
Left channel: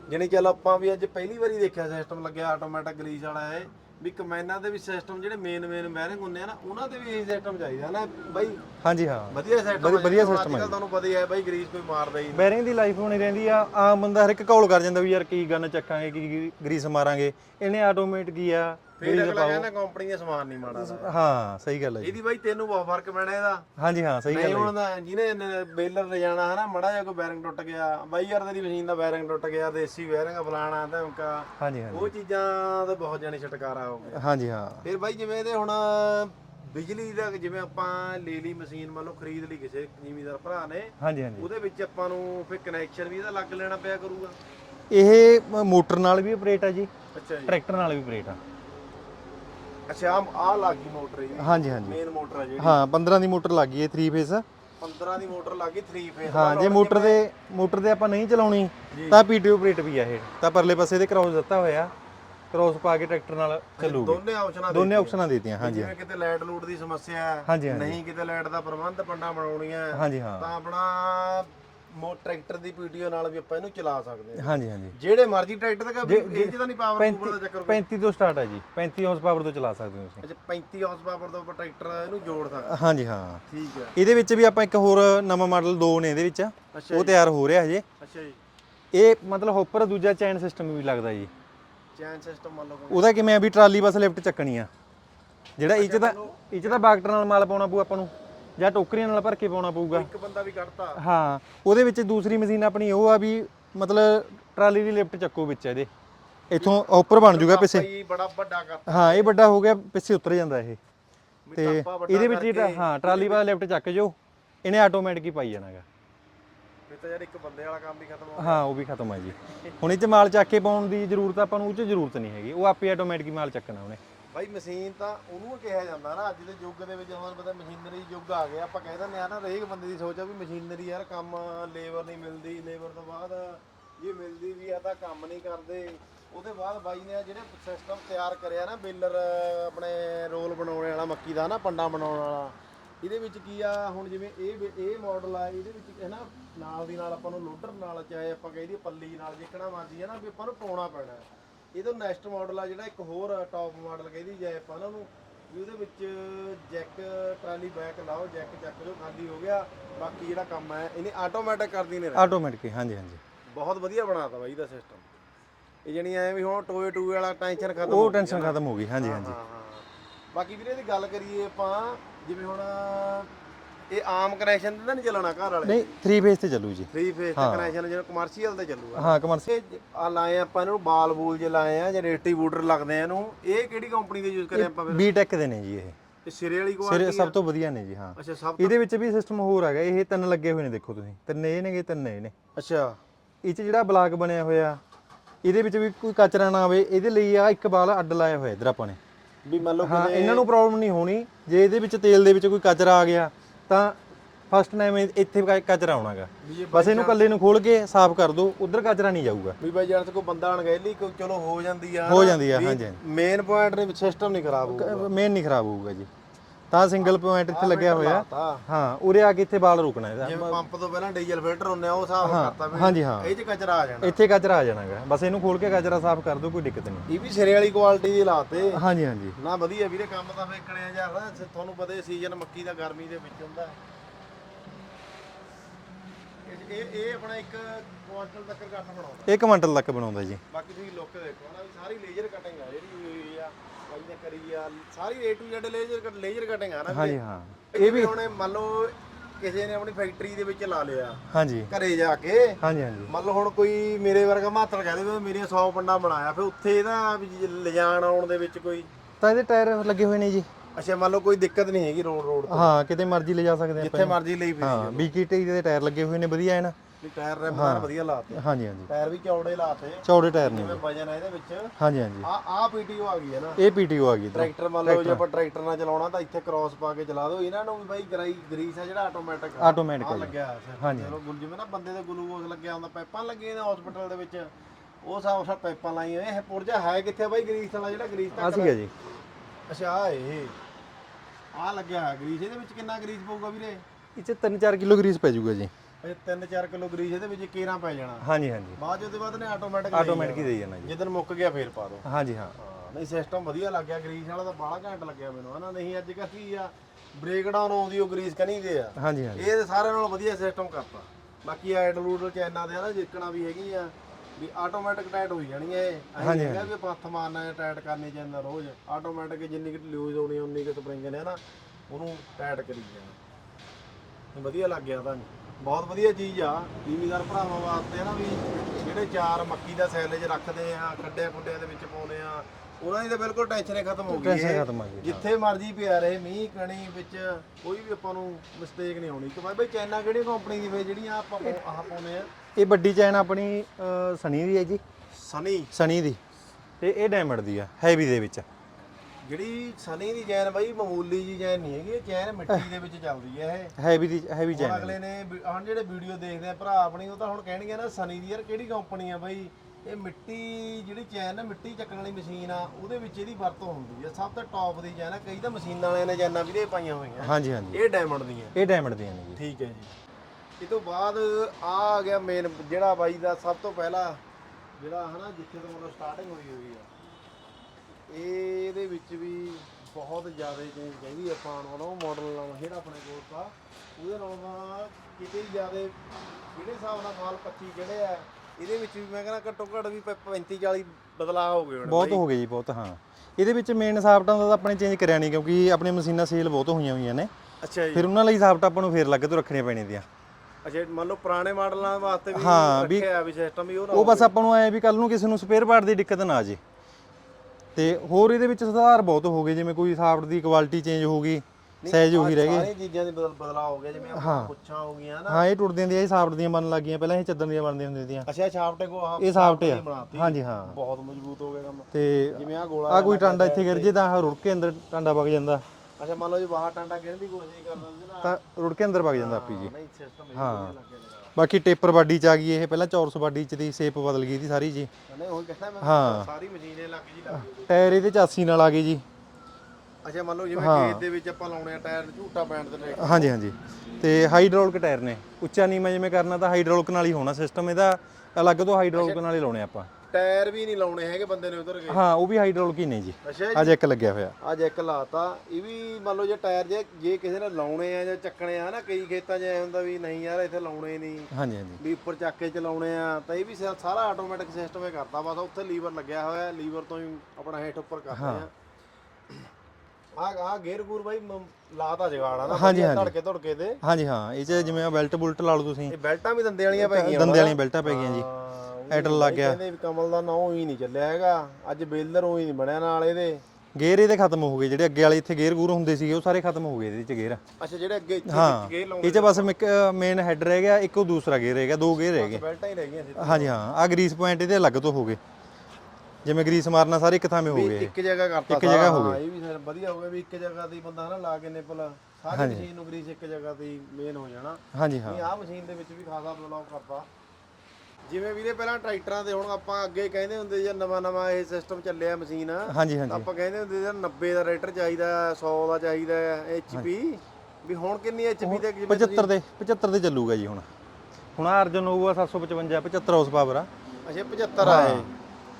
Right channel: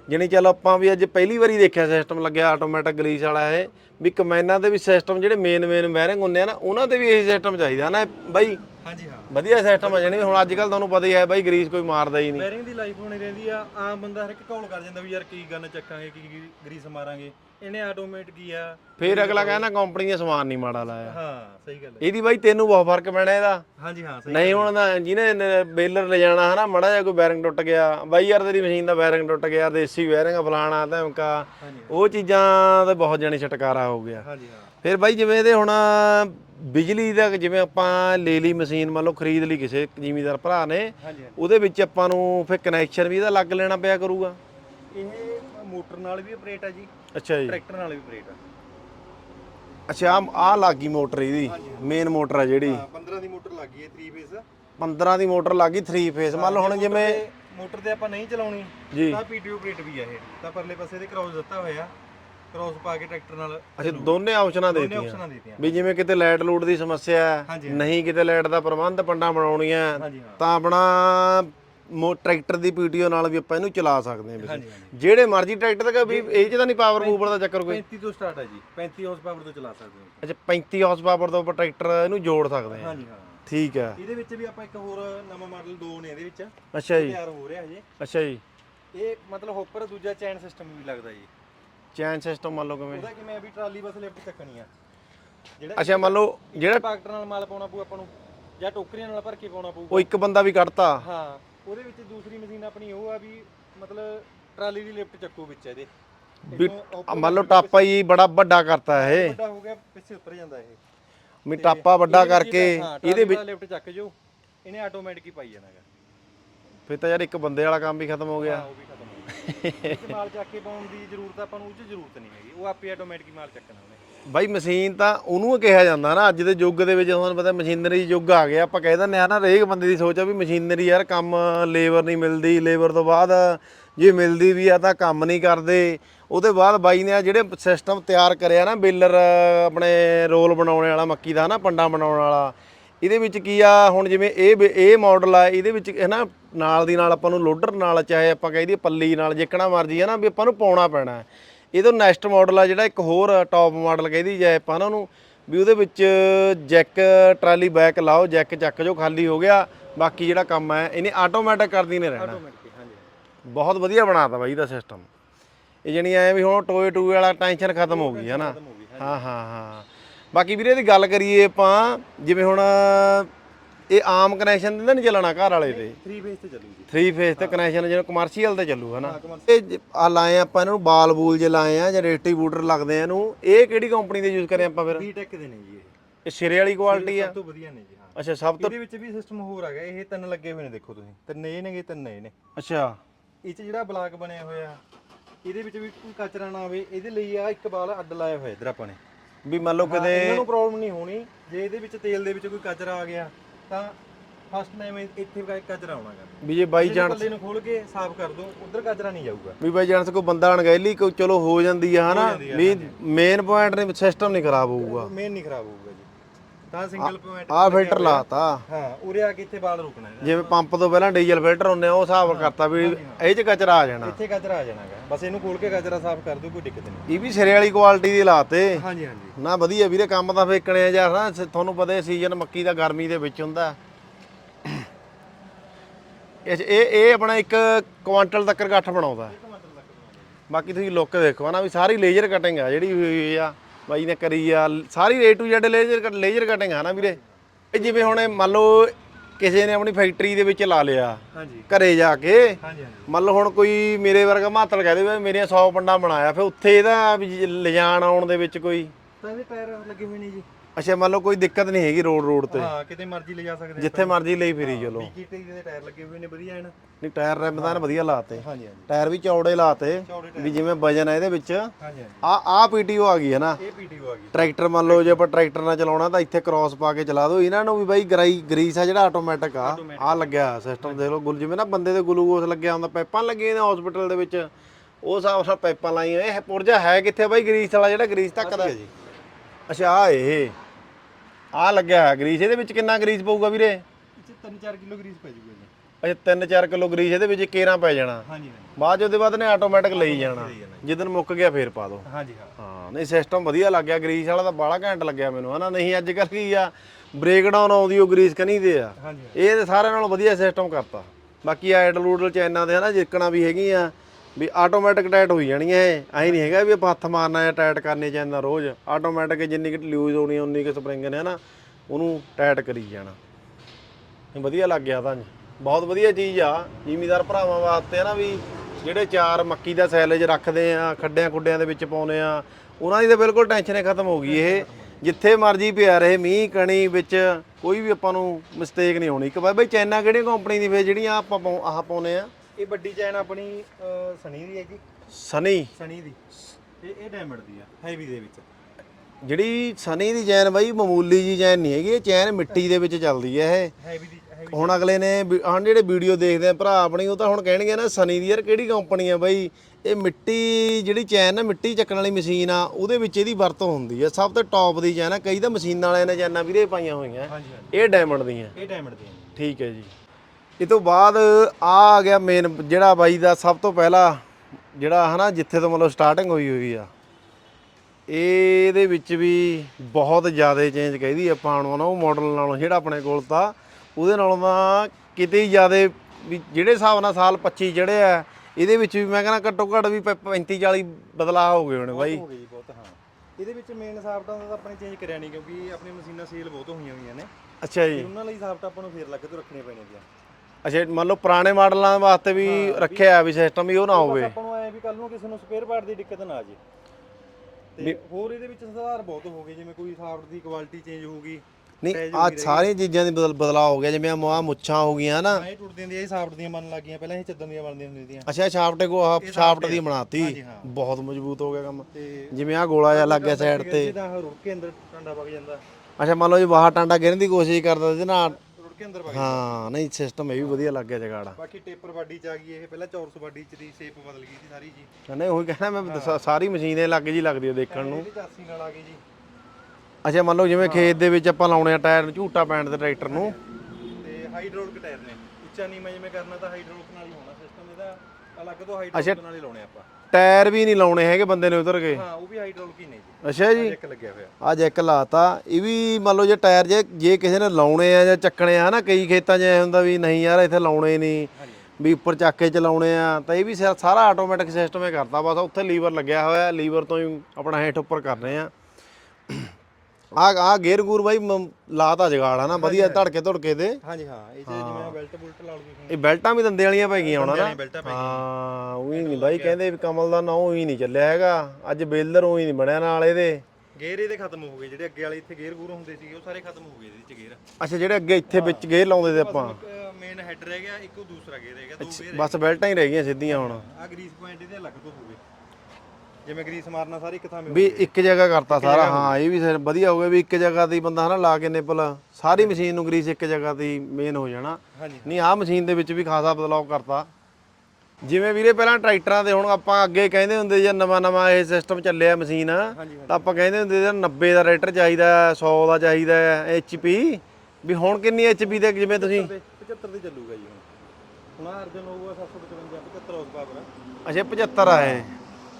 ਜਣੀ ਚੱਲ ਆਪਾਂ ਵੀ ਅੱਜ ਪਹਿਲੀ ਵਾਰੀ ਦੇਖਿਆ ਸਿਸਟਮ ਲੱਗਿਆ ਆਟੋਮੈਟਿਕ ਗਰੀਸ ਵਾਲਾ ਇਹ ਵੀ ਕਮੈਨਾਂ ਦੇ ਵੀ ਸਿਸਟਮ ਜਿਹੜੇ ਮੇਨ ਮੇਨ ਬੈਰਿੰਗ ਹੁੰਦੇ ਆ ਨਾ ਉਹਨਾਂ ਤੇ ਵੀ ਇਹ ਸਿਸਟਮ ਚਾਹੀਦਾ ਨਾ ਬਾਈ? ਹਾਂਜੀ ਹਾਂ। ਵਧੀਆ ਸਿਸਟਮ ਹੈ ਜਿਹੜੀ ਹੁਣ ਅੱਜ ਕੱਲ ਤੁਹਾਨੂੰ ਪਤਾ ਹੀ ਹੈ ਬਾਈ ਗਰੀਸ ਕੋਈ ਮਾਰਦਾ ਹੀ ਨਹੀਂ। ਬੈਰਿੰਗ ਦੀ ਲਾਈਫ ਹੋਣੀ ਰਹਿੰਦੀ ਆ ਆਮ ਬੰਦਾ ਹਰ ਇੱਕ ਕੌਲ ਕਰ ਜਾਂਦਾ ਵੀ ਯਾਰ ਕੀ ਗਨ ਚੱਕਾਂਗੇ ਕੀ ਗਰੀਸ ਮਾਰਾਂਗੇ ਇਹਨੇ ਆਟੋਮੈਟਿਕ ਕੀ ਆ? ਫੇਰ ਅਗਲਾ ਕਹਿੰਦਾ ਕੰਪਨੀ ਦਾ ਸਮਾਨ ਨਹੀਂ ਮਾੜਾ ਲਾਇਆ। ਹਾਂ ਸਹੀ ਗੱਲ ਹੈ ਜੀ। ਇਹਦੀ ਬਾਈ ਤੈਨੂੰ ਬਹੁਤ ਫ਼ਰਕ ਪੈਣਾ ਇਹਦਾ। ਹਾਂਜੀ ਹਾਂ ਸਹੀ ਨਹੀਂ ਹੁਣ ਤਾਂ ਜਿਹਨੇ ਬੇਲਰ ਲੈ ਜਾਣਾ ਹਨਾ ਮੜਾ ਜਿਹਾ ਕੋਈ ਬੈਰਿੰਗ ਟੁੱਟ ਗਿਆ। ਬਾਈ ਯਾਰ ਤੇਰੀ ਮਸ਼ੀਨ ਦਾ ਬੈਰਿੰਗ ਟੁੱਟ ਗਿਆ ਦੇਸੀ ਬੈਰਿੰਗ ਫਲਾਣਾ ਧਮਕਾ। ਹਾਂਜੀ ਹਾਂ ਉਹ ਚੀਜ਼ਾਂ ਤੇ ਬਹੁਤ ਜਾਣੀ ਛਟਕਾਰਾ ਹੋ ਗਿਆ। ਹਾਂਜੀ ਹਾਂ। ਫਿਰ ਬਾਈ ਜਿਵੇਂ ਇਹਦੇ ਹੁਣ ਬਿਜਲੀ ਦਾ ਜਿਵੇਂ ਆਪਾਂ ਲੈ ਲਈ ਮਸ਼ੀਨ ਮੰਨ ਲਓ ਖਰੀਦ ਲਈ ਕਿਸੇ ਜ਼ਿਮੀਦਾਰ ਭਰਾ ਨੇ ਹਾਂਜੀ ਹਾਂਜੀ। ਉਹਦੇ ਵਿੱਚ ਆਪਾਂ ਨੂੰ ਫਿਰ ਕਨੈਕਸ਼ਨ ਵੀ ਇਹਦਾ ਲੱਗ ਲੈਣਾ ਪਿਆ ਕਰੂਗਾ। ਇਹ ਮ- ਮੋਟਰ ਨਾਲ ਵੀ ਆਪਰੇਟ ਆ ਜੀ। ਅੱਛਾ ਜੀ। ਟਰੈਕਟਰ ਨਾਲ ਵੀ ਆਪਰੇਟ ਆ। ਅੱਛਾ ਆ ਆ ਲੱਗੀ ਮੋਟਰ ਇਹਦੀ। ਹਾਂਜੀ ਮੇਨ ਮੋਟਰ ਆ ਜਿਹੜੀ। ਹਾਂ 15 ਦੀ ਮੋਟਰ ਲੱਗ ਹੈ 3 ਫੇਸ 15 ਦੀ ਮੋਟਰ ਲੱਗੀ 3 ਫੇਸ ਮੰਨ ਲਓ ਮੋਟਰ ਜਿਵੇਂ ਦੇ ਮੋਟਰ ਦੇ ਆਪਾਂ ਨਹੀਂ ਚਲਾਉਣੀ ਜੀ। ਤਾਂ ਪੀਟੀਓ ਆਪਰੇਟ ਵੀ ਆ ਇਹ। ਤਾਂ ਪਰਲੇ ਪਾਸੇ ਦੇ ਕ੍ਰੋਸ ਦਿੱਤਾ ਹੋਇਆ। ਕ੍ਰੋਸ ਪਾ ਕੇ ਟਰੈਕਟਰ ਨਾਲ ਅੱਛਾ, ਦੋਨੇ ਆਪਸ਼ਨਾਂ ਦੇ ਦੋਨੇ ਆਪਸ਼ਨਾਂ ਦਿੱਤੀਆਂ ਵੀ ਜਿਵੇਂ ਕਿਤੇ ਲਾਈਟ ਲੂਟ ਦੀ ਸਮੱਸਿਆ ਹੈ ਹਾਂਜੀ, ਹਾਂਜੀ। ਨਹੀਂ ਕਿਤੇ ਲਾਈਟ ਦਾ ਪ੍ਰਬੰਧ ਪੰਡਾਂ ਬਣਾਉਣੀਆਂ ਹਾਂਜੀ ਹਾਂ। ਤਾਂ ਆਪਣਾ ਟਰੈਕਟਰ ਦੀ ਪੀਟੀਓ ਨਾਲ ਵੀ ਆਪਾਂ ਇਹਨੂੰ ਚਲਾ ਸਕਦੇ ਹਾਂ। ਹਾਂਜੀ ਹਾਂਜੀ। ਜਿਹੜੇ ਮਰਜ਼ੀ ਟਰੈਕਟਰ ਦਾ ਵੀ ਇਹ ਤਾਂ ਨਹੀਂ ਪਾਵਰ ਊਪਰ ਦਾ ਚੱਕਰ ਕੋਈ। 35 ਤੋਂ ਸਟਾਰਟ ਹੈ ਜੀ। 35 ਹਾਰਸ ਪਾਵਰ ਤੋਂ ਚਲਾ ਸਕਦੇ ਹੋ ਅੱਛਾ 35 ਹਾਰਸ ਪਾਵਰ ਤੋਂ ਉੱਪਰ ਟਰੈਕਟਰ ਇਹਨੂੰ ਜੋੜ ਸਕਦੇ ਹਾਂਜੀ ਹਾਂ। ਠੀਕ ਹੈ। ਇਹਦੇ ਵਿੱਚ ਵੀ ਆਪਾਂ ਇੱਕ ਹੋਰ ਨਵਾਂ ਮਾਡਲ ਦੋ ਨੇ ਇਹਦੇ ਵਿੱਚ। ਅੱਛਾ ਉਹ ਤਿਆਰ ਹੋ ਰਿਹਾ ਹਜੇ। ਅੱਛਾ ਜੀ। ਇਹ ਮਤਲਬ ਉੱਪਰ ਦੂਜਾ ਚੈਨ ਸਿਸਟਮ ਵੀ ਲੱਗਦਾ ਜੀ। ਚੈਨ ਸਿਸਟਮ ਮੰਨ ਲਓ ਕਿਵੇਂ? ਉਹਦਾ ਕਿਵੇਂ ਆ ਵੀ ਟਰਾਲੀ ਬਸ ਲਿਫਟ ਚੱਕਣੀ ਆ। ਜਿਹੜਾ ਇੱਕ ਮੰਨ ਲਓ ਜਿਹੜਾ ਬਾਕਟਰ ਨਾਲ ਮਾਲ ਪਾਉਣਾ ਪਊ ਆਪਾਂ ਨੂੰ। ਜਾਂ ਟੋਕਰੀਆਂ ਨਾਲ ਭਰ ਕੇ ਪਾਉਣਾ ਪਊਗਾ। ਉਹ ਇੱਕ ਬੰਦਾ ਵੀ ਕੱਢਤਾ। ਹਾਂ ਉਹਦੇ ਵਿੱਚ ਦੂਸਰੀ ਮਸ਼ੀਨ ਆਪਣੀ ਉਹ ਆ ਵੀ ਮਤਲਬ ਟਰਾਲੀ ਦੀ ਲਿਫਟ ਚੱਕੋ ਵਿੱਚ ਇਹਦੇ। ਇੱਥੋਂ ਉੱਪਰ ਬਣ ਜੂਗਾ ਟਾਪਾ ਹੀ ਬੜਾ ਵੱਡਾ ਕਰਤਾ ਹਾਂ ਇਹ ਵੱਡਾ ਹੋ ਗਿਆ ਪਿੱਛੇ ਉਤਰ ਜਾਂਦਾ ਇਹ। ਵੀ ਤੇ ਟਾਪਾ ਵੱਡਾ ਇਹਦੇ ਵਿੱਚ ਕਰਕੇ ਇਹ- ਟਰਾਲੀ ਵਾਲਾ ਲਿਫਟ ਚੱਕ ਜੋ ਇਹਨੇ ਆਟੋਮੈਟਿਕ ਹੀ ਪਾਈ ਜਾਣਾਗਾ। ਫਿਰ ਤਾਂ ਯਾਰ ਇੱਕ ਬੰਦੇ ਵਾਲਾ ਕੰਮ ਵੀ ਖਤਮ ਹੋ ਗਿਆ। ਹਾਂ ਉਹ ਵੀ ਖਤਮ ਆ ਜੀ। ਹੁਣ ਇਹ ਚ ਮਾਲ ਚੱਕ ਕੇ ਪਾਉਣ ਦੀ ਜ਼ਰੂਰਤ ਆਪਾਂ ਨੂੰ ਉਹ ਚ ਜ਼ਰੂਰਤ ਨਹੀਂ ਹੈਗੀ ਉਹ ਆਪੇ ਆਟੋਮੈਟਿਕ ਹੀ ਮਾਲ ਚੱਕਣਾ ਉਹਨੇ। ਬਾਈ ਮਸ਼ੀਨ ਤਾਂ ਉਹਨੂੰ ਕਿਹਾ ਜਾਂਦਾ ਨਾ, ਅੱਜ ਦੇ ਯੁੱਗ ਦੇ ਵਿੱਚ ਤੁਹਾਨੂੰ ਪਤਾ ਮਸ਼ੀਨਰੀ ਯੁੱਗ ਆ ਗਿਆ, ਆਪਾਂ ਕਹਿ ਦਿੰਦੇ ਆ ਨਾ, ਹਰੇਕ ਬੰਦੇ ਦੀ ਸੋਚ ਆ ਵੀ ਮਸ਼ੀਨਰੀ ਯਾਰ ਕੰਮ ਲੇਬਰ ਨਹੀਂ ਮਿਲਦੀ ਲੇਬਰ ਤੋਂ ਬਾਅਦ ਜੇ ਮਿਲਦੀ ਵੀ ਆ ਤਾਂ ਕੰਮ ਨਹੀਂ ਕਰਦੇ। ਉਹਦੇ ਬਾਅਦ ਬਾਈ ਨੇ ਆ ਜਿਹੜੇ ਸਿਸਟਮ ਤਿਆਰ ਕਰਿਆ ਨਾ, ਬੇਲਰ, ਆਪਣੇ ਰੋਲ ਬਣਾਉਣ ਵਾਲਾ, ਮੱਕੀ ਦਾ ਨਾ, ਪੰਡਾ ਬਣਾਉਣ ਵਾਲਾ, ਇਹਦੇ ਵਿੱਚ ਕੀ ਆ, ਹੁਣ ਜਿਵੇਂ ਇਹ ਬ- ਇਹ ਮਾਡਲ ਆ, ਇਹਦੇ ਵਿੱਚ ਹੈ ਨਾ, ਨਾਲ ਦੀ ਨਾਲ ਆਪਾਂ ਨੂੰ ਲੋਡਰ ਨਾਲ, ਚਾਹੇ ਆਪਾਂ ਕਹਿ ਦਈਏ ਪੱਲੀ ਨਾਲ, ਜਿੱਕਣਾ ਮਰਜ਼ੀ ਹੈ ਨਾ, ਵੀ ਆਪਾਂ ਨੂੰ ਪਾਉਣਾ ਪੈਣਾ। ਇਹਦਾ ਨੈਕਸਟ ਮਾਡਲ ਆ ਜਿਹੜਾ ਇੱਕ ਹੋਰ ਟੌਪ ਮਾਡਲ ਕਹਿਦੀ ਜਾਏ ਆਪਾਂ ਨਾ ਉਹਨੂੰ ਵੀ ਉਹਦੇ ਵਿੱਚ ਜੈਕ ਟਰਾਲੀ ਬੈਕ ਲਾਓ ਜੈਕ ਚੱਕ ਜੋ ਖਾਲੀ ਹੋ ਗਿਆ ਬਾਕੀ ਜਿਹੜਾ ਕੰਮ ਹੈ ਇਹਨੇ ਆਟੋਮੈਟਿਕ ਕਰਦੀ ਨੇ ਰਹਿਣਾ। ਆਟੋਮੈਟਿਕ ਹਾਂਜੀ ਹਾਂਜੀ। ਬਹੁਤ ਵਧੀਆ ਬਣਾਤਾ ਬਾਈ ਦਾ ਸਿਸਟਮ ਇਹ ਜਣੀ ਐ ਵੀ ਹੁਣ ਟੋਏ ਟੂਏ ਵਾਲਾ ਟੈਨਸ਼ਨ ਖਤਮ ਹੋ ਗਈ ਹੈ ਟੈਨਸ਼ਨ ਨਾ। ਖਤਮ ਹੋ ਗਈ ਹਾਂਜੀ ਹਾਂ ਹਾਂ ਹਾਂ। ਬਾਕੀ ਵੀਰੇ ਦੀ ਗੱਲ ਕਰੀਏ ਆਪਾਂ ਜਿਵੇਂ ਹੁਣ ਇਹ ਆਮ ਕਨੈਕਸ਼ਨ ਤੇ ਨਹੀਂ ਚੱਲਣਾ ਘਰ ਵਾਲੇ ਤੇ। 3 ਫੇਸ ਤੇ ਚੱਲੂ ਜੀ। 3 ਫੇਸ ਤੇ ਕਨੈਕਸ਼ਨ ਜਿਹੜਾ ਕਮਰਸ਼ੀਅਲ ਤੇ ਚੱਲੂ ਹਨਾ ਹਾਂ ਕਮਰਸ਼ੀਅਲ ਆ ਲਾਏ ਆਪਾਂ ਇਹਨਾਂ ਬਾਲ ਬੂਲ ਜੇ ਲਾਏ ਆ ਜਾਂ ਰੇਟੀਬੂਟਰ ਲੱਗਦੇ ਆ ਇਹਨੂੰ ਇਹ ਕਿਹੜੀ ਕੰਪਨੀ ਦੇ ਯੂਜ਼ ਕਰੇ ਆਪਾਂ ਫਿਰ? ਬੀ ਟੈਕ ਦੇ ਨੇ ਜੀ ਇਹ। ਇਹ ਸਿਰੇ ਵਾਲੀ ਕੁਆਲਿਟੀ ਆ? ਸਭ ਤੋਂ ਵਧੀਆ ਨੇ ਜੀ ਹਾਂ। ਅੱਛਾ ਸਭ ਤੋਂ ਇਹਦੇ ਵਿੱਚ ਵੀ ਸਿਸਟਮ ਹੋਰ ਹੈਗਾ ਇਹ ਤਿੰਨ ਲੱਗੇ ਹੋਏ ਨੇ ਦੇਖੋ ਤੁਸੀਂ। ਤਿੰਨ ਇਹ ਨੇਗੇ ਤਿੰਨ ਇਹ ਨੇ। ਅੱਛਾ। ਇਹ ਚ ਜਿਹੜਾ ਬਲਾਕ ਬਣਿਆ ਹੋਇਆ ਇਹਦੇ ਵਿੱਚ ਵੀ ਕੋਈ ਕਚਰਾ ਨਾ ਆਵੇ ਇਹਦੇ ਲਈ ਆ ਇੱਕ ਬਾਲ ਅੱਡ ਲਾਇਆ ਹੋਇਆ ਇਧਰ ਆਪਾਂ ਨੇ। ਵੀ ਮੰਨ ਲਓ ਕਿਤੇ ਇਹਨਾਂ ਨੂੰ ਪ੍ਰੋਬਲਮ ਨਹੀਂ ਹੋਣੀ। ਜੇ ਇਹਦੇ ਵਿੱਚ ਤੇਲ ਦੇ ਵਿੱਚ ਕੋਈ ਕਚਰਾ ਆ ਗਿਆ ਤਾਂ ਫਸਟ ਟਾਈਮ ਇੱਥੇ ਕ- ਕਚਰਾ ਆਉਣਾਗਾ। ਵੀ ਜੇ ਬਾਈ ਇਹਨੂੰ ਪੱਲੇ ਨੂੰ ਖੋਲ ਕੇ ਸਾਫ਼ ਕਰ ਦਿਓ ਉਧਰ ਕਚਰਾ ਨਹੀਂ ਜਾਊਗਾ। ਵੀ ਬਾਈ ਜਾਨਸ ਕੋਈ ਬੰਦਾ ਅਣਗਹਿਲੀ ਕੋਈ ਚਲੋ ਹੋ ਜਾਂਦੀ ਆ ਹੋ ਜਾਂਦੀ ਆ, ਹਾਂਜੀ। ਮੇਨ ਪੁਆਇੰਟ ਨੇ ਸਿਸਟਮ ਨਹੀਂ ਖਰਾਬ ਹੋਊਗਾ। ਮੇਨ ਨਹੀਂ ਖਰਾਬ ਹੋਊਗਾ ਜੀ। ਤਾਂ ਸਿੰਗਲ ਪੁਆਇੰਟ ਆ ਤੇ ਲੱਗਿਆ ਫਿਲਟਰ ਹੋਇਆ? ਲਾਤਾ। ਹਾਂ ਉਰੇ ਆ ਕੇ ਇੱਥੇ ਬਾਲ ਰੁਕਣਾ ਇਹਦਾ। ਜਿਵੇਂ ਪੰਪ ਤੋਂ ਪਹਿਲਾਂ ਡੀਜ਼ਲ ਫਿਲਟਰ ਹੁੰਦੇ ਆ ਉਹ ਹਿਸਾਬ ਕਰਤਾ ਵੀ ਹਾਂਜੀ, ਹਾਂ। ਇਹ ਚ ਕਚਰਾ ਆ ਜਾਣਾ। ਇੱਥੇ ਕਚਰਾ ਆ ਜਾਣਾਗਾ। ਬਸ ਇਹਨੂੰ ਖੋਲ ਕੇ ਕਚਰਾ ਸਾਫ਼ ਕਰ ਦਿਓ ਕੋਈ ਦਿੱਕਤ ਨਹੀਂ। ਇਹ ਵੀ ਸਿਰੇ ਵਾਲੀ ਕੁਆਲਿਟੀ ਦੀ ਲਾਤੇ। ਹਾਂਜੀ ਹਾਂਜੀ। ਨਾ ਵਧੀਆ ਵੀਰੇ ਕੰਮ ਤਾਂ ਫੇਕਣੇ ਆ ਯਾਰ ਨਾ ਸ- ਤੁਹਾਨੂੰ ਪਤਾ ਸੀਜ਼ਨ ਮੱਕੀ ਦਾ ਗਰਮੀ ਦੇ ਵਿੱਚ ਹੁੰਦਾ। ਇਹ ਇਹ ਇਹ ਆਪਣਾ ਇੱਕ ਕੁਆਂਟਲ ਤੱਕ ਗੱਠ ਬਣਾਉਂਦਾ। ਇਹ ਕੁਇੰਟਲ ਤੱਕ ਬਣਾਉਂਦਾ ਜੀ। ਬਾਕੀ ਤੁਸੀਂ ਲੁੱਕ ਦੇਖੋ ਨਾ ਵੀ ਸਾਰੀ ਲੇਜ਼ਰ ਕਟਿੰਗ ਆ ਜਿਹੜੀ ਹੋਈ ਹੋਈ ਆ। ਬਾਈ ਨੇ ਕਰੀ ਆ ਸਾਰੀ A to Z laser laser cutting ਆ ਨਾ ਵੀਰੇ। ਹਾਂ। ਇਹ ਜਿਵੇਂ ਹੁਣ ਇਹ ਮੰਨ ਲਓ ਕਿਸੇ ਨੇ ਆਪਣੀ ਫੈਕਟਰੀ ਦੇ ਵਿੱਚ ਲਾ ਲਿਆ ਹਾਂਜੀ। ਘਰੇ ਜਾ ਕੇ। ਹਾਂਜੀ ਹਾਂਜੀ। ਮੰਨ ਲਓ ਹੁਣ ਕੋਈ ਮੇਰੇ ਵਰਗਾ ਮਾਤਲ ਕਹਿ ਦੇ ਵੀ ਮੇਰੀਆਂ 100 ਪੰਡਾ ਬਣਾਇਆ ਫਿਰ ਉੱਥੇ ਇਹਦਾ ਵੀ ਲਿਜਾਣ ਆਉਣ ਦੇ ਵਿੱਚ ਕੋਈ? ਤਾਂ ਇਹਦੇ ਟਾਇਰ ਲੱਗੇ ਹੋਏ ਨੇ ਜੀ। ਅੱਛਾ ਮੰਨ ਲਓ ਕੋਈ ਦਿੱਕਤ ਨਹੀਂ ਹੈਗੀ ਰੋਡ ਰੋਡ ਤੇ। ਹਾਂ ਕਿਤੇ ਮਰਜ਼ੀ ਲੈ ਜਾ ਸਕਦੇ ਆ ਜਿੱਥੇ ਮਰਜ਼ੀ ਲਈ ਫਿਰੀ ਚਲੋ। ਬੀਕੀਟੀ ਦੇ ਟਾਇਰ ਲੱਗੇ ਹੋਏ ਨੇ ਵਧੀਆ ਹਨ ਨਹੀਂ ਟਾਇਰ ਰੈਮ ਤਾਂ ਵਧੀਆ ਲਾਤੇ। ਹਾਂਜੀ ਹਾਂਜੀ। ਟਾਇਰ ਵੀ ਚੌੜੇ ਲਾਤੇ ਚੌੜੇ ਟਾਇਰ ਜਿਵੇਂ ਵਜਨ ਹੈ ਇਹਦੇ ਵਿੱਚ। ਹਾਂਜੀ ਹਾਂਜੀ। ਆ ਆ ਪੀਟੀਓ ਆ ਗਈ ਹੈ ਨਾ? ਇਹ ਪੀਟੀਓ ਆ ਗਈ। ਟਰੈਕਟਰ ਮੰਨ ਲਓ ਜੇ ਆਪਾਂ ਟਰੈਕਟਰ ਨਾਲ ਚਲਾਉਣਾ ਤਾਂ ਇੱਥੇ ਕ੍ਰਾਸ ਪਾ ਕੇ ਚਲਾ ਦਿਓ। ਇਹਨਾਂ ਨੂੰ ਵੀ ਬਾਈ ਗਰਾਈ ਗਰੀਸ ਆ ਜਿਹੜਾ ਆਟੋਮੈਟਿਕ ਆ। ਆ ਲੱਗਿਆ ਸਿਸਟਮ ਦੇਖ ਲਓ ਗੁਲ ਜਿਵੇਂ ਨਾ ਬੰਦੇ ਦੇ ਗਲੂਕੋਸ ਲੱਗਿਆ ਹੁੰਦਾ ਪਾਈਪਾਂ ਲੱਗੀਆਂ ਨੇ ਹਸਪੀਟਲ ਦੇ ਵਿੱਚ। ਉਹ ਹਿਸਾਬ ਨਾਲ ਪਾਈਪਾਂ ਲਾਈਆਂ। ਇਹ ਪੁਰਜਾ ਹੈ ਕਿੱਥੇ ਬਾਈ? ਗਰੀਸ ਵਾਲਾ ਜਿਹੜਾ ਗਰੀਸ ਤੱਕ ਠੀਕ ਹੈ ਜੀ। ਅੱਛਾ ਆ ਇਹ। ਆ ਲੱਗਿਆ ਗਰੀਸ। ਇਹਦੇ ਵਿੱਚ ਕਿੰਨਾ ਗਰੀਸ ਪਊਗਾ ਵੀਰੇ? ਇਹ ਚ 3-4 ਕਿਲੋ ਗਰੀਸ ਪੈ ਜਾਊਗਾ ਜੀ। ਅਜੇ 3-4 ਕਿਲੋ ਗਰੀਸ ਇਹਦੇ ਵਿੱਚ ਕੇਰਾਂ ਪੈ ਜਾਣਾ। ਹਾਂਜੀ ਹਾਂਜੀ। ਬਾਅਦ 'ਚ ਉਹਦੇ ਬਾਅਦ ਨੇ ਆਟੋਮੈਟਿਕ ਲਈ ਜਾਣਾ। ਜਿੱਦਨ ਮੁੱਕ ਗਿਆ ਫੇਰ ਪਾ ਦੋ। ਹਾਂਜੀ ਹਾਂ। ਹਾਂ ਨਹੀਂ ਸਿਸਟਮ ਵਧੀਆ ਲੱਗਿਆ ਗਰੀਸ ਵਾਲਾ ਤਾਂ ਬਾਹਲਾ ਘੈਂਟ ਲੱਗਿਆ ਮੈਨੂੰ ਹਨਾ? ਨਹੀਂ ਅੱਜ ਕੱਲ੍ਹ ਕੀ ਆ? ਬ੍ਰੇਕ ਡਾਊਨ ਆਉਂਦੀ ਉਹ ਗਰੀਸ ਕਨੀ ਦੇ ਆ। ਹਾਂਜੀ ਹਾਂਜੀ। ਇਹ ਤੇ ਸਾਰਿਆਂ ਨਾਲੋਂ ਵਧੀਆ ਸਿਸਟਮ ਕਰਤਾ। ਬਾਕੀ ਆਈਡਲ ਰੂਡਲ ਚੈਨਾਂ ਦੇ ਹਨਾ ਜਿੱਕਣਾ ਵੀ ਹੈਗੀਆਂ ਵੀ ਆਟੋਮੈਟਿਕ ਟਾਈਟ ਹੋਈ ਜਾਣੀਆਂ ਇਹ। ਐਂ ਨਹੀਂ ਹੈਗਾ ਵੀ ਆਪਾਂ ਹੱਥ ਮਾਰਨਾ ਜਾਂ ਟਾਈਟ ਕਰਨੇ ਚਾਹੀਦਾ ਰੋਜ਼। ਆਟੋਮੈਟਿਕ ਜਿੰਨੀ ਕਿ ਲੂਜ਼ ਹੋਣੀ ਆ, ਉਨੀ ਕਿ ਸਪਰਿੰਗ ਨੇ ਹਨਾ? ਉਹਨੂੰ ਟਾਈਟ ਕਰੀ ਜਾਣਾ। ਨਹੀਂ ਵਧੀਆ ਲੱਗ ਗਿਆ ਤਾਂ ਜੀ। ਬਹੁਤ ਵਧੀਆ ਚੀਜ਼ ਆ। ਜ਼ਿਮੀਦਾਰ ਭਰਾਵਾਂ ਵਾਸਤੇ ਹਨਾ ਵੀ ਜਿਹੜੇ ਚਾਰ ਮੱਕੀ ਦਾ ਸੈਲੇਜ ਰੱਖਦੇ ਆ ਖੱਡਿਆਂ ਕੁੱਡਿਆਂ ਦੇ ਵਿੱਚ ਪਾਉਨੇ ਆ ਉਹਨਾਂ ਦੀ ਤਾਂ ਬਿਲਕੁਲ ਟੈਨਸ਼ਨ ਹੀ ਖਤਮ ਹੋ ਗਈ ਇਹ। ਹੋ। ਜਿੱਥੇ ਮਰਜ਼ੀ ਪਿਆ ਰਹੇ ਮੀਂਹ ਕਣੀ ਵਿੱਚ ਕੋਈ ਵੀ ਆਪਾਂ ਨੂੰ ਮਿਸਟੇਕ ਨਹੀਂ ਹੋਣੀ। ਕਿ ਬਾਈ ਬਈ ਚੈਨਾ ਕਿਹੜੀ ਕੰਪਨੀ ਦੀ ਫੇ ਜਿਹੜੀਆਂ ਆਪਾਂ ਆਹ ਪਾਉਨੇ ਆ? ਇਹ ਵੱਡੀ ਚੈਨ ਆਪਣੀ ਸਣੀ ਦੀ ਹੈ ਜੀ। ਸਨੀ? ਸਣੀ ਦੀ। ਤੇ ਇਹ ਡਾਇਮੰਡ ਦੀ ਆ। ਹੈਵੀ ਦੇ ਵਿੱਚ। ਜਿਹੜੀ ਸਨੀ ਦੀ ਚੈਨ ਬਾਈ ਮਾਮੂਲੀ ਜੀ ਚੈਨ ਨਹੀਂ ਹੈਗੀ ਇਹ ਚੈਨ ਮਿੱਟੀ ਦੇ ਵਿੱਚ ਚੱਲਦੀ ਹੈ ਇਹ। ਹੈਵੀ ਦੀ ਹੈਵੀ ਹੁਣ ਅਗਲੇ ਨੇ ਹੁਣ ਜਿਹੜੇ ਵੀਡੀਓ ਦੇਖਦੇ ਆ ਭਰਾ ਆਪਣੀ ਉਹ ਤਾਂ ਹੁਣ ਕਹਿਣਗੇ ਨਾ ਸਨੀ ਦੀ ਯਾਰ ਕਿਹੜੀ ਕੰਪਨੀ ਆ ਬਾਈ? ਇਹ ਮਿੱਟੀ ਜਿਹੜੀ ਚੈਨ ਨਾ ਮਿੱਟੀ ਚੱਕਣ ਵਾਲੀ ਮਸ਼ੀਨ ਆ ਉਹਦੇ ਵਿੱਚ ਇਹਦੀ ਵਰਤੋਂ ਹੁੰਦੀ ਆ। ਸਭ ਤੋਂ ਟੌਪ ਦੀ ਚੈਨ ਆ ਕਈ ਤਾਂ ਮਸ਼ੀਨਾਂ ਵਾਲਿਆਂ ਨੇ ਚੈਨਾਂ ਵੀਰੇ ਪਾਈਆਂ ਹੋਈਆਂ। ਹਾਂਜੀ ਹਾਂਜੀ। ਇਹ ਡਾਇਮੰਡ ਦੀਆਂ। ਇਹ ਡਾਇਮੰਡ ਦੀਆਂ ਠੀਕ ਹੈ ਜੀ। ਇਹ ਤੋਂ ਬਾਅਦ ਆ ਆ ਗਿਆ ਮੇਨ ਜਿਹੜਾ ਬਾਈ ਦਾ ਸਭ ਤੋਂ ਪਹਿਲਾ ਜਿਹੜਾ ਹਨਾ ਜਿੱਥੇ ਤੋਂ ਮਤਲਬ ਸਟਾਰਟਿੰਗ ਹੋਈ ਹੋਈ ਆ। ਇਹਦੇ ਵਿੱਚ ਵੀ ਬਹੁਤ ਜ਼ਿਆਦਾ ਚੇਂਜ ਕਹਿਦੀ ਆਪਾਂ ਹੁਣ ਉਹ ਮਾਡਲ ਨਾਲੋਂ ਜਿਹੜਾ ਆਪਣੇ ਕੋਲ ਤਾਂ ਉਹਦੇ ਨਾਲੋਂ ਤਾਂ ਕਿਤੇ ਹੀ ਜ਼ਿਆਦਾ ਵੀ ਜਿਹੜੇ ਹਿਸਾਬ ਨਾਲ ਸਾਲ 25 ਚੜਿਆ ਆ, ਇਹਦੇ ਵਿੱਚ ਵੀ ਮੈਂ ਕਹਿੰਦਾ ਘੱਟੋ ਘੱਟ ਵੀ 35 40 ਬਦਲਾਅ ਹੋ ਗਏ ਹੋਣੇ ਬਹੁਤ ਹੋ ਗਏ ਜੀ ਬਹੁਤ ਹਾਂ। ਇਹਦੇ ਵਿੱਚ ਮੇਨ ਸਾਫਟਾਂ ਦਾ ਤਾਂ ਆਪਣੇ ਚੇਂਜ ਕਰਿਆ ਨਹੀਂ ਕਿਉਂਕਿ ਆਪਣੀਆਂ ਮਸ਼ੀਨਾਂ ਸੇਲ ਬਹੁਤ ਹੋਈਆਂ ਹੋਈਆਂ ਨੇ। ਅੱਛਾ ਜੀ। ਫਿਰ ਉਹਨਾਂ ਲਈ ਸਾਫਟ ਆਪਾਂ ਨੂੰ ਫੇਰ ਲੱਗੇ ਤੋਂ ਰੱਖਣੀਆਂ ਪੈਣੀਆਂ ਦੀਆਂ। ਅੱਛਾ ਮੰਨ ਲਓ ਪੁਰਾਣੇ ਮਾਡਲਾਂ ਵਾਸਤੇ ਵੀ ਰੱਖਿਆ ਵੀ ਸਿਸਟਮ ਵੀ ਉਹ ਨਾ ਉਹ ਬਸ ਹੋਵੇ। ਆਪਾਂ ਨੂੰ ਆਏ ਵੀ ਕੱਲ ਨੂੰ ਕਿਸੇ ਨੂੰ ਸਪੇਅਰ ਪਾਰਟ ਦੀ ਦਿੱਕਤ ਨਾ ਆ ਜੇ। ਤੇ ਹੋਰ ਇਹਦੇ ਵਿੱਚ ਸੁਧਾਰ ਬਹੁਤ ਹੋ ਗਏ ਜਿਵੇਂ ਕੋਈ ਸਾਫਟ ਦੀ ਕੁਆਲਿਟੀ ਚੇਂਜ ਹੋ ਗਈ ਨਹੀਂ ਸਾਈਜ਼ ਹੋ ਗਈ ਰਹਿ। ਸਾਰੀਆਂ ਚੀਜ਼ਾਂ ਦੀ ਬਦਲ ਬਦਲਾਅ ਹੋ ਗਿਆ ਜਿਵੇਂ ਆ ਮੁਆ ਮੁੱਛਾਂ ਹੋ ਗਈਆਂ ਨਾ। ਹਾਂ ਇਹ ਟੁੱਟਦੀਆਂ ਦੀਆਂ ਇਹ ਸਾਫਟ ਦੀਆਂ ਬਣਨ ਲੱਗ ਗਈਆਂ ਪਹਿਲਾਂ ਇਹ ਚੱਦਨ ਦੀਆਂ ਬਣਦੀਆਂ ਹੁੰਦੀਆਂ ਤੀਆਂ ਅੱਛਾ ਸ਼ਾਫਟ ਕੋ ਆਹ shaft ਦੀ। ਬਣਾਤੀ। ਬਹੁਤ ਮਜ਼ਬੂਤ ਹੋ ਗਿਆ ਕੰਮ। ਤੇ ਜਿਵੇਂ ਆ ਗੋਲਾ ਜਿਹਾ ਲੱਗ ਗਿਆ ਸਾਈਡ ਤੇ। ਜੇ ਤਾਂ ਆਹ ਰੁੜ ਕੇ ਅੰਦਰ ਟਾਂਡਾ ਵਗ ਜਾਂਦਾ। ਅੱਛਾ ਮੰਨ ਲਓ ਜੇ ਬਾਹਰ ਟਾਂਡਾ ਗਿਰਨ ਦੀ ਕੋਸ਼ਿਸ਼ ਕਰਦਾ ਇਹਦੇ ਨਾਲ ਰੁੜ ਕੇ ਅੰਦਰ ਵਗ ਜਾਂਦਾ ਹਾਂ ਨਹੀਂ ਸਿਸਟਮ ਇਹ ਵੀ ਵਧੀਆ ਲੱਗ ਗਿਆ ਜਗਾੜ। ਬਾਕੀ ਟੇਪਰ ਬਾਡੀ ਚ ਆ ਗਈ ਇਹ ਪਹਿਲਾਂ ਚੌਰਸ ਬਾਡੀ ਚ ਦੀ ਸ਼ੇਪ ਬਦਲ ਗਈ ਸੀ ਸਾਰੀ ਜੀ। ਕਹਿੰਦੇ ਉਹ ਕਹਿੰਦਾ ਮੈਂ ਸਾਰੀ ਮਸ਼ੀਨ ਇਹ ਲੱਗ ਜੀ ਲੱਗਦੀ ਹੈ ਦੇਖ ਟਾਇਰ ਇਹਦੇ ਚ 80 ਨਾਲ ਆ ਗਈ ਜੀ। ਅੱਛਾ ਮੰਨ ਲਓ ਜਿਵੇਂ ਖੇਤ ਦੇ ਵਿੱਚ ਆਪਾਂ ਲਾਉਣੇ ਆ ਟਾਇਰ ਨੂੰ ਝੂਟਾ ਪੈਣ ਦੇ ਟਰੈਕਟਰ ਹਾਂਜੀ ਹਾਂਜੀ। ਤੇ ਹਾਈਡ੍ਰੋਲਿਕ ਟਾਇਰ ਨੇ। ਉੱਚਾ ਨੀਵਾਂ ਜਿਵੇਂ ਕਰਨਾ ਤਾਂ ਹਾਈਡ੍ਰੋਲਿਕ ਨਾਲ ਹੀ ਹੋਣਾ ਸਿਸਟਮ ਇਹਦਾ ਅਲੱਗ ਤੋਂ ਹਾਈਡ੍ਰੋਲਿਕ ਨਾਲ ਹੀ ਲਾਉਣੇ ਆਪਾਂ। ਟਾਇਰ ਵੀ ਨਹੀਂ ਲਾਉਣੇ ਹੈਗੇ ਬੰਦੇ ਨੇ ਉਧਰ ਗਏ ਹਾਂ ਉਹ ਵੀ ਹਾਈਡ੍ਰੋਲਿਕ ਹੀ ਨੇ ਜੀ। ਅੱਛਾ ਆ ਜੀ ਜੈਕ ਲੱਗਿਆ ਹੋਇਆ। ਆ ਜੈਕ ਲਾਤਾ। ਇਹ ਵੀ ਮੰਨ ਲਓ ਜੇ ਟਾਇਰ ਜੇ ਜੇ ਕਿਸੇ ਨੇ ਲਾਉਣੇ ਆ ਜਾਂ ਚੱਕਣੇ ਆ ਨਾ ਕਈ ਖੇਤਾਂ 'ਚ ਐ ਹੁੰਦਾ ਵੀ ਨਹੀਂ ਯਾਰ ਇੱਥੇ ਲਾਉਣੇ ਨਹੀਂ। ਹਾਂਜੀ ਹਾਂਜੀ। ਵੀ ਉੱਪਰ ਚੱਕ ਕੇ ਚਲਾਉਣੇ ਆ। ਤਾਂ ਇਹ ਵੀ ਸਾ- ਸਾਰਾ ਆਟੋਮੈਟਿਕ ਸਿਸਟਮ ਹੀ ਕਰਤਾ। ਬਸ ਉੱਥੇ ਲੀਵਰ ਲੱਗਿਆ ਹੋਇਆ। ਲੀਵਰ ਤੋਂ ਹੀ ਆਪਣਾ ਹੇਠ ਉੱਪਰ ਕਰਨੇ ਆ। ਆ ਆ ਗੇਅਰ ਗੂਰ ਬਾਈ ਮ- ਲਾਤਾ ਜਗਾੜ ਆ ਨਾ ਵਧੀਆ ਧੜਕੇ ਧੜਕੇ ਤੇ ਹਾਂਜੀ ਹਾਂ ਇਹ ਚ ਜਿਵੇਂ ਬੈਲਟ ਬੁਲਟ ਲਾ ਲਓ ਤੁਸੀਂ। ਇਹ ਬੈਲਟਾਂ ਵੀ ਦੰਦੇ ਵਾਲੀਆਂ ਪੈ ਗਈਆਂ ਹੁਣ ਦੰਦੇ ਵਾਲੀਆਂ ਬੈਲਟਾਂ ਪੈ ਗਈਆਂ ਜੀ। ਹਾਂ ਉਹ ਲੱਗ ਬਾਈ ਕਹਿੰਦੇ ਵੀ ਕਮਲ ਦਾ ਨਾਂ ਹੀ ਨਹੀਂ ਚੱਲਿਆ ਹੈਗਾ। ਅੱਜ ਬੇਲਰ ਉਹ ਨਹੀਂ ਬਣਿਆ ਨਾਲ ਇਹਦੇ। ਗੇਅਰ ਇਹਦੇ ਖਤਮ ਹੋ ਗਏ ਜਿਹੜੇ ਅੱਗੇ ਵਾਲੇ ਇੱਥੇ ਗੇਅਰ ਗੂਰ ਹੁੰਦੇ ਸੀਗੇ ਉਹ ਸਾਰੇ ਖਤਮ ਹੋ ਗਏ ਇਹਦੇ ਚ ਗੇਅਰ ਅੱਛਾ ਜਿਹੜੇ ਅੱਗੇ ਇੱਥੇ ਵਿੱਚ ਗੇਅਰ ਲਾਉਂਦੇ ਇਹਦੇ ਬਸ ਇੱਕ ਮੇਨ ਹੈਡ ਰਹਿ ਗਿਆ ਇੱਕ ਉਹ ਦੂਸਰਾ ਗੇਅਰ ਰਹਿ ਗਿਆ ਦੋ ਗੇਅਰ ਰਹਿ ਬਸ ਬੈਲਟਾਂ ਹੀ ਰਹਿ ਗਈਆਂ ਸਿੱਧੀਆਂ। ਹਾਂਜੀ ਹਾਂ। ਆ ਗਰੀਸ ਪੁਆਇੰਟ ਇਹਦੇ ਅਲੱਗ ਤੋਂ ਹੋ ਗਏ। ਜਿਵੇਂ ਗਰੀਸ ਮਾਰਨਾ ਸਾਰੇ ਇੱਕ ਥਾਂ ਮੇ ਹੋ ਵੀ ਗਏ ਇੱਕ ਜਗ੍ਹਾ ਕਰਤਾ ਸਾਰਾ ਹਾਂ ਇਹ ਵੀ ਸਰ ਵਧੀਆ ਹੋ ਗਿਆ ਵੀ ਇੱਕ ਜਗ੍ਹਾ ਤੇ ਹੀ ਬੰਦਾ ਹਨਾ ਲਾ ਕੇ ਨਿਪਲ। ਸਾਰੀ ਮਸ਼ੀਨ ਨੂੰ ਗਰੀਸ ਇੱਕ ਜਗ੍ਹਾ ਤੇ ਮੇਨ ਹੋ ਜਾਣਾ। ਹਾਂਜੀ ਹਾਂ। ਨਹੀਂ ਆਹ ਮਸ਼ੀਨ ਦੇ ਵਿੱਚ ਵੀ ਖਾਸਾ ਬਦਲਾਅ ਕਰਤਾ। ਜਿਵੇਂ ਵੀਰੇ ਪਹਿਲਾਂ ਟਰੈਕਟਰਾਂ ਦੇ ਹੁਣ ਆਪਾਂ ਅੱਗੇ ਕਹਿੰਦੇ ਹੁੰਦੇ ਜਾਂ ਨਵਾਂ ਨਵਾਂ ਇਹ ਸਿਸਟਮ ਚੱਲਿਆ ਮਸ਼ੀਨ ਆਪਾਂ ਕਹਿੰਦੇ ਹੁੰਦੇ ਸੀ 90 ਦਾ ਰੇਟਰ ਚਾਹੀਦਾ 100 ਦਾ ਚਾਹੀਦਾ ਐਚਪੀ ਵੀ ਹੁਣ ਕਿੰਨੀ ਐਚਪੀ ਦੇ ਜਿਵੇਂ ਤੁਸੀਂ 75 ਦੇ 75 ਦੇ ਚੱਲੂਗਾ ਜੀ ਹੁਣ। ਹੁਣ ਅਰਜਨ ਹੋਊਗਾ 755 75 ਹਾਰਸ ਪਾਵਰ ਆ। ਅੱਛਾ 75 ਆ ਇਹ।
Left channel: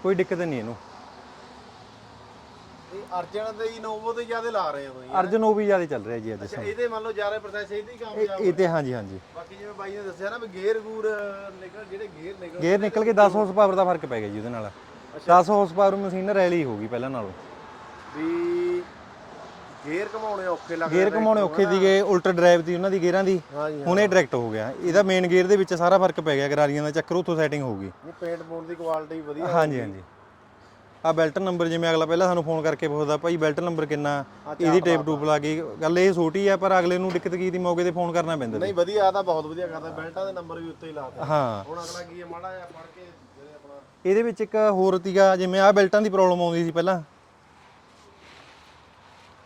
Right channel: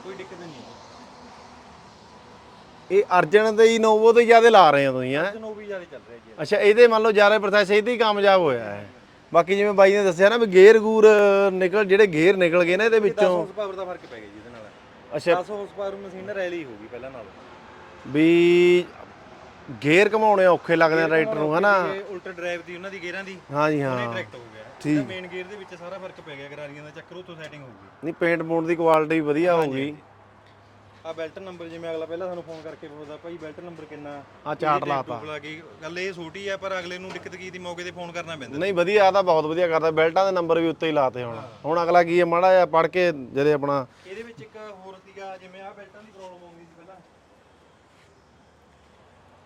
ਕੋਈ ਦਿੱਕਤ ਨਹੀਂ ਇਹਨੂੰ। ਇਹ ਅਰਜਨ ਤੇ ਹੀ ਨੋਵੋ ਤੇ ਜ਼ਿਆਦਾ ਲਾ ਰਹੇ ਆ ਤੁਸੀਂ ਹੈਂ? ਅਰਜਨ ਉਹ ਵੀ ਜ਼ਿਆਦਾ ਚੱਲ ਰਿਹਾ ਜੀ ਅੱਜ। ਅੱਛਾ ਇਹਦੇ ਮੰਨ ਲਓ ਜ਼ਿਆਦਾ ਪ੍ਰੋਸੈਸ ਇਹਦੇ ਹੀ ਕਾਮਯਾਬ ਤੇ ਹੋਇਆ। ਹਾਂਜੀ ਹਾਂਜੀ। ਬਾਕੀ ਜਿਵੇਂ ਬਾਈ ਨੇ ਦੱਸਿਆ ਨਾ ਵੀ ਗੇਅਰ ਗੂਰ ਨਿਕਲ ਜਿਹੜੇ ਗੇਅਰ ਨਿਕਲ ਗਏ ਨੇ ਇਹਦੇ ਇਹਦੇ ਵਿੱਚ 10 ਹਾਰਸ ਪਾਵਰ ਦਾ ਫ਼ਰਕ ਪੈ ਗਿਆ ਜੀ ਇਹਦੇ ਨਾਲ। ਅੱਛਾ। 10 ਹਾਰਸ ਪਾਵਰ ਮਸ਼ੀਨ ਰੈਲੀ ਹੋਊਗੀ ਪਹਿਲਾਂ ਨਾਲੋਂ। ਵੀ ਗੇਅਰ ਘਮਾਉਣੇ ਔਖੇ ਲੱਗਦੇ ਘਮਾਉਣੇ ਨੂੰ ਔਖੇ ਸੀਗੇ ਉਲਟਰ ਡਰਾਈਵ ਦੀ ਉਹਨਾਂ ਦੀ ਗੇਅਰਾਂ ਦੀ। ਹਾਂਜੀ ਹਾਂ ਹੁਣ ਇਹ ਡਾਇਰੈਕਟ ਹੋ ਗਿਆ। ਇਹਦਾ ਮੇਨ ਗੇਅਰ ਦੇ ਵਿੱਚ ਸਾਰਾ ਫ਼ਰਕ ਪੈ ਗਿਆ ਗਰਾਰੀਆਂ ਦਾ ਚੱਕਰ ਉੱਥੋਂ ਸੈਟਿੰਗ ਹੋਊਗੀ ਨਹੀਂ ਪੇਂਟ ਪੂੰਟ ਦੀ ਕੁਆਲਿਟੀ ਵਧੀਆ ਹੋਊਗੀ। ਆ ਬੈਲਟ ਨੰਬਰ ਜਿਵੇਂ ਅਗਲਾ ਪਹਿਲਾਂ ਸਾਨੂੰ ਫੋਨ ਕਰਕੇ ਪੁੱਛਦਾ ਭਾਈ ਬੈਲਟ ਨੰਬਰ ਕਿੰਨਾ? ਇਹਦੀ ਟੇਪ ਟੂਪ ਲਾ ਕੇ ਗੱਲ ਇਹ ਛੋਟੀ ਆ ਪਰ ਅਗਲੇ ਨੂੰ ਦਿੱਕਤ ਕੀ ਦੀ ਮੌਕੇ ਤੇ ਫੋਨ ਕਰਨਾ ਪੈਂਦਾ ਨਹੀਂ ਵਧੀਆ ਆ ਤਾਂ ਬਹੁਤ ਵਧੀਆ ਕਰਦਾ। ਬੈਲਟਾਂ ਦੇ ਨੰਬਰ ਵੀ ਉੱਤੇ ਹੀ ਲਾਤੇ ਹੁਣ ਹਾਂ। ਅਗਲਾ ਕੀ ਹੈ ਮਾੜਾ ਜਿਹਾ ਪੜ ਕੇ ਜਦੇ ਆਪਣਾ ਇਹਦੇ ਵਿੱਚ ਇੱਕ ਹੋਰ ਤੀਗਾ ਜਿਵੇਂ ਆ ਬੈਲਟਾਂ ਦੀ ਪ੍ਰੋਬਲਮ ਆਉਂਦੀ ਸੀ ਪਹਿਲਾਂ।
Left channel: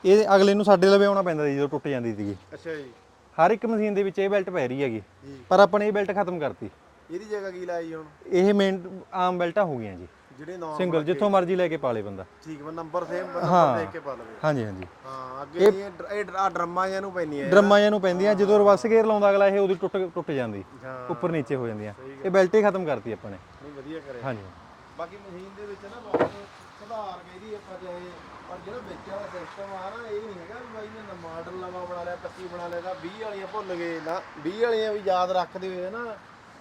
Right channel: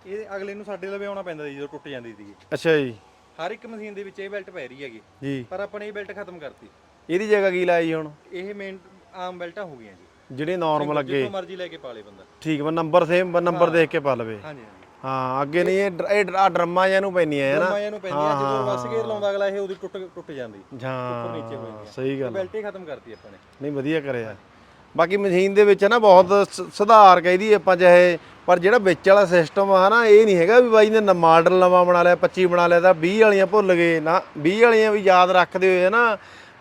ਇਹ ਅਗਲੇ ਨੂੰ ਸਾਡੇ ਲਵੇ ਆਉਣਾ ਪੈਂਦਾ ਸੀ ਜਦੋਂ ਟੁੱਟ ਜਾਂਦੀ ਸੀਗੀ। ਅੱਛਾ ਜੀ। ਹਰ ਇੱਕ ਮਸ਼ੀਨ ਦੇ ਵਿੱਚ ਇਹ ਬੈਲਟ ਪੈ ਰਹੀ ਹੈਗੀ। ਜੀ। ਪਰ ਆਪਾਂ ਨੇ ਇਹ ਬੈਲਟ ਖਤਮ ਕਰਤੀ। ਇਹਦੀ ਜਗ੍ਹਾ ਕੀ ਲਾਈ ਹੁਣ? ਇਹ ਮੇਨ ਆਮ ਬੈਲਟਾਂ ਹੋ ਗਈਆਂ ਜੀ। ਜਿਹੜੇ ਨਾਰਮਲ ਅੱਗੇ। ਜਿੱਥੋਂ ਮਰਜ਼ੀ ਲੈ ਕੇ ਪਾ ਲੇ ਬੰਦਾ। ਠੀਕ ਵਾ ਨੰਬਰ ਸੇਮ ਨੰਬਰ ਦੇਖ ਕੇ ਪਾ ਲਵੇ। ਹਾਂਜੀ ਹਾਂਜੀ। ਹਾਂ ਅੱਗੇ ਨਹੀਂ ਇਹ ਇਹ ਡਰਮਾਂ ਜਾਂ ਨੂੰ ਪੈਣੀਆਂ ਡਰਮਾਂ ਜਾਂ ਨੂੰ ਪੈਂਦੀਆਂ ਜਦੋਂ ਰਿਵਰਸ ਗੇਅਰ ਲਾਉਂਦਾ ਅਗਲਾ ਇਹ ਉਹਦੀ ਟੁੱਟ ਟੁੱਟ ਜਾਂਦੀ। ਹਾਂ ਉੱਪਰ ਨੀਚੇ ਹੋ ਜਾਂਦੀਆਂ ਸਹੀ ਇਹ ਗੱਲ ਬੈਲਟ ਹੀ ਖਤਮ ਕਰਤੀ ਆਪਾਂ ਨੇ। ਨਹੀਂ ਵਧੀਆ ਕਰੇ ਹਾਂਜੀ। ਬਾਕੀ ਮਸ਼ੀਨ ਦੇ ਵਿੱਚ ਨਾ ਬਹੁਤ ਸੁਧਾਰ ਕਹਿਦੀ ਆਪਾਂ ਚਾਹੇ ਪਰ ਜਿਹੜਾ ਵਿੱਚ ਵਾਲਾ ਸਿਸਟਮ ਆ ਨਾ ਇਹ ਨਹੀਂ ਹੈਗਾ ਵੀ ਬਾਈ ਨੇ ਮਾਡਲ ਨਵਾਂ ਬਣਾ ਲਿਆ 25 ਬਣਾ ਲਿਆ ਤਾਂ 20 ਵਾਲੀਆਂ ਭੁੱਲ ਗਏ। ਨਾ 20 ਵਾਲੀਆਂ ਵੀ ਯਾਦ ਰੱਖਦੇ ਹੋਏ ਨਾ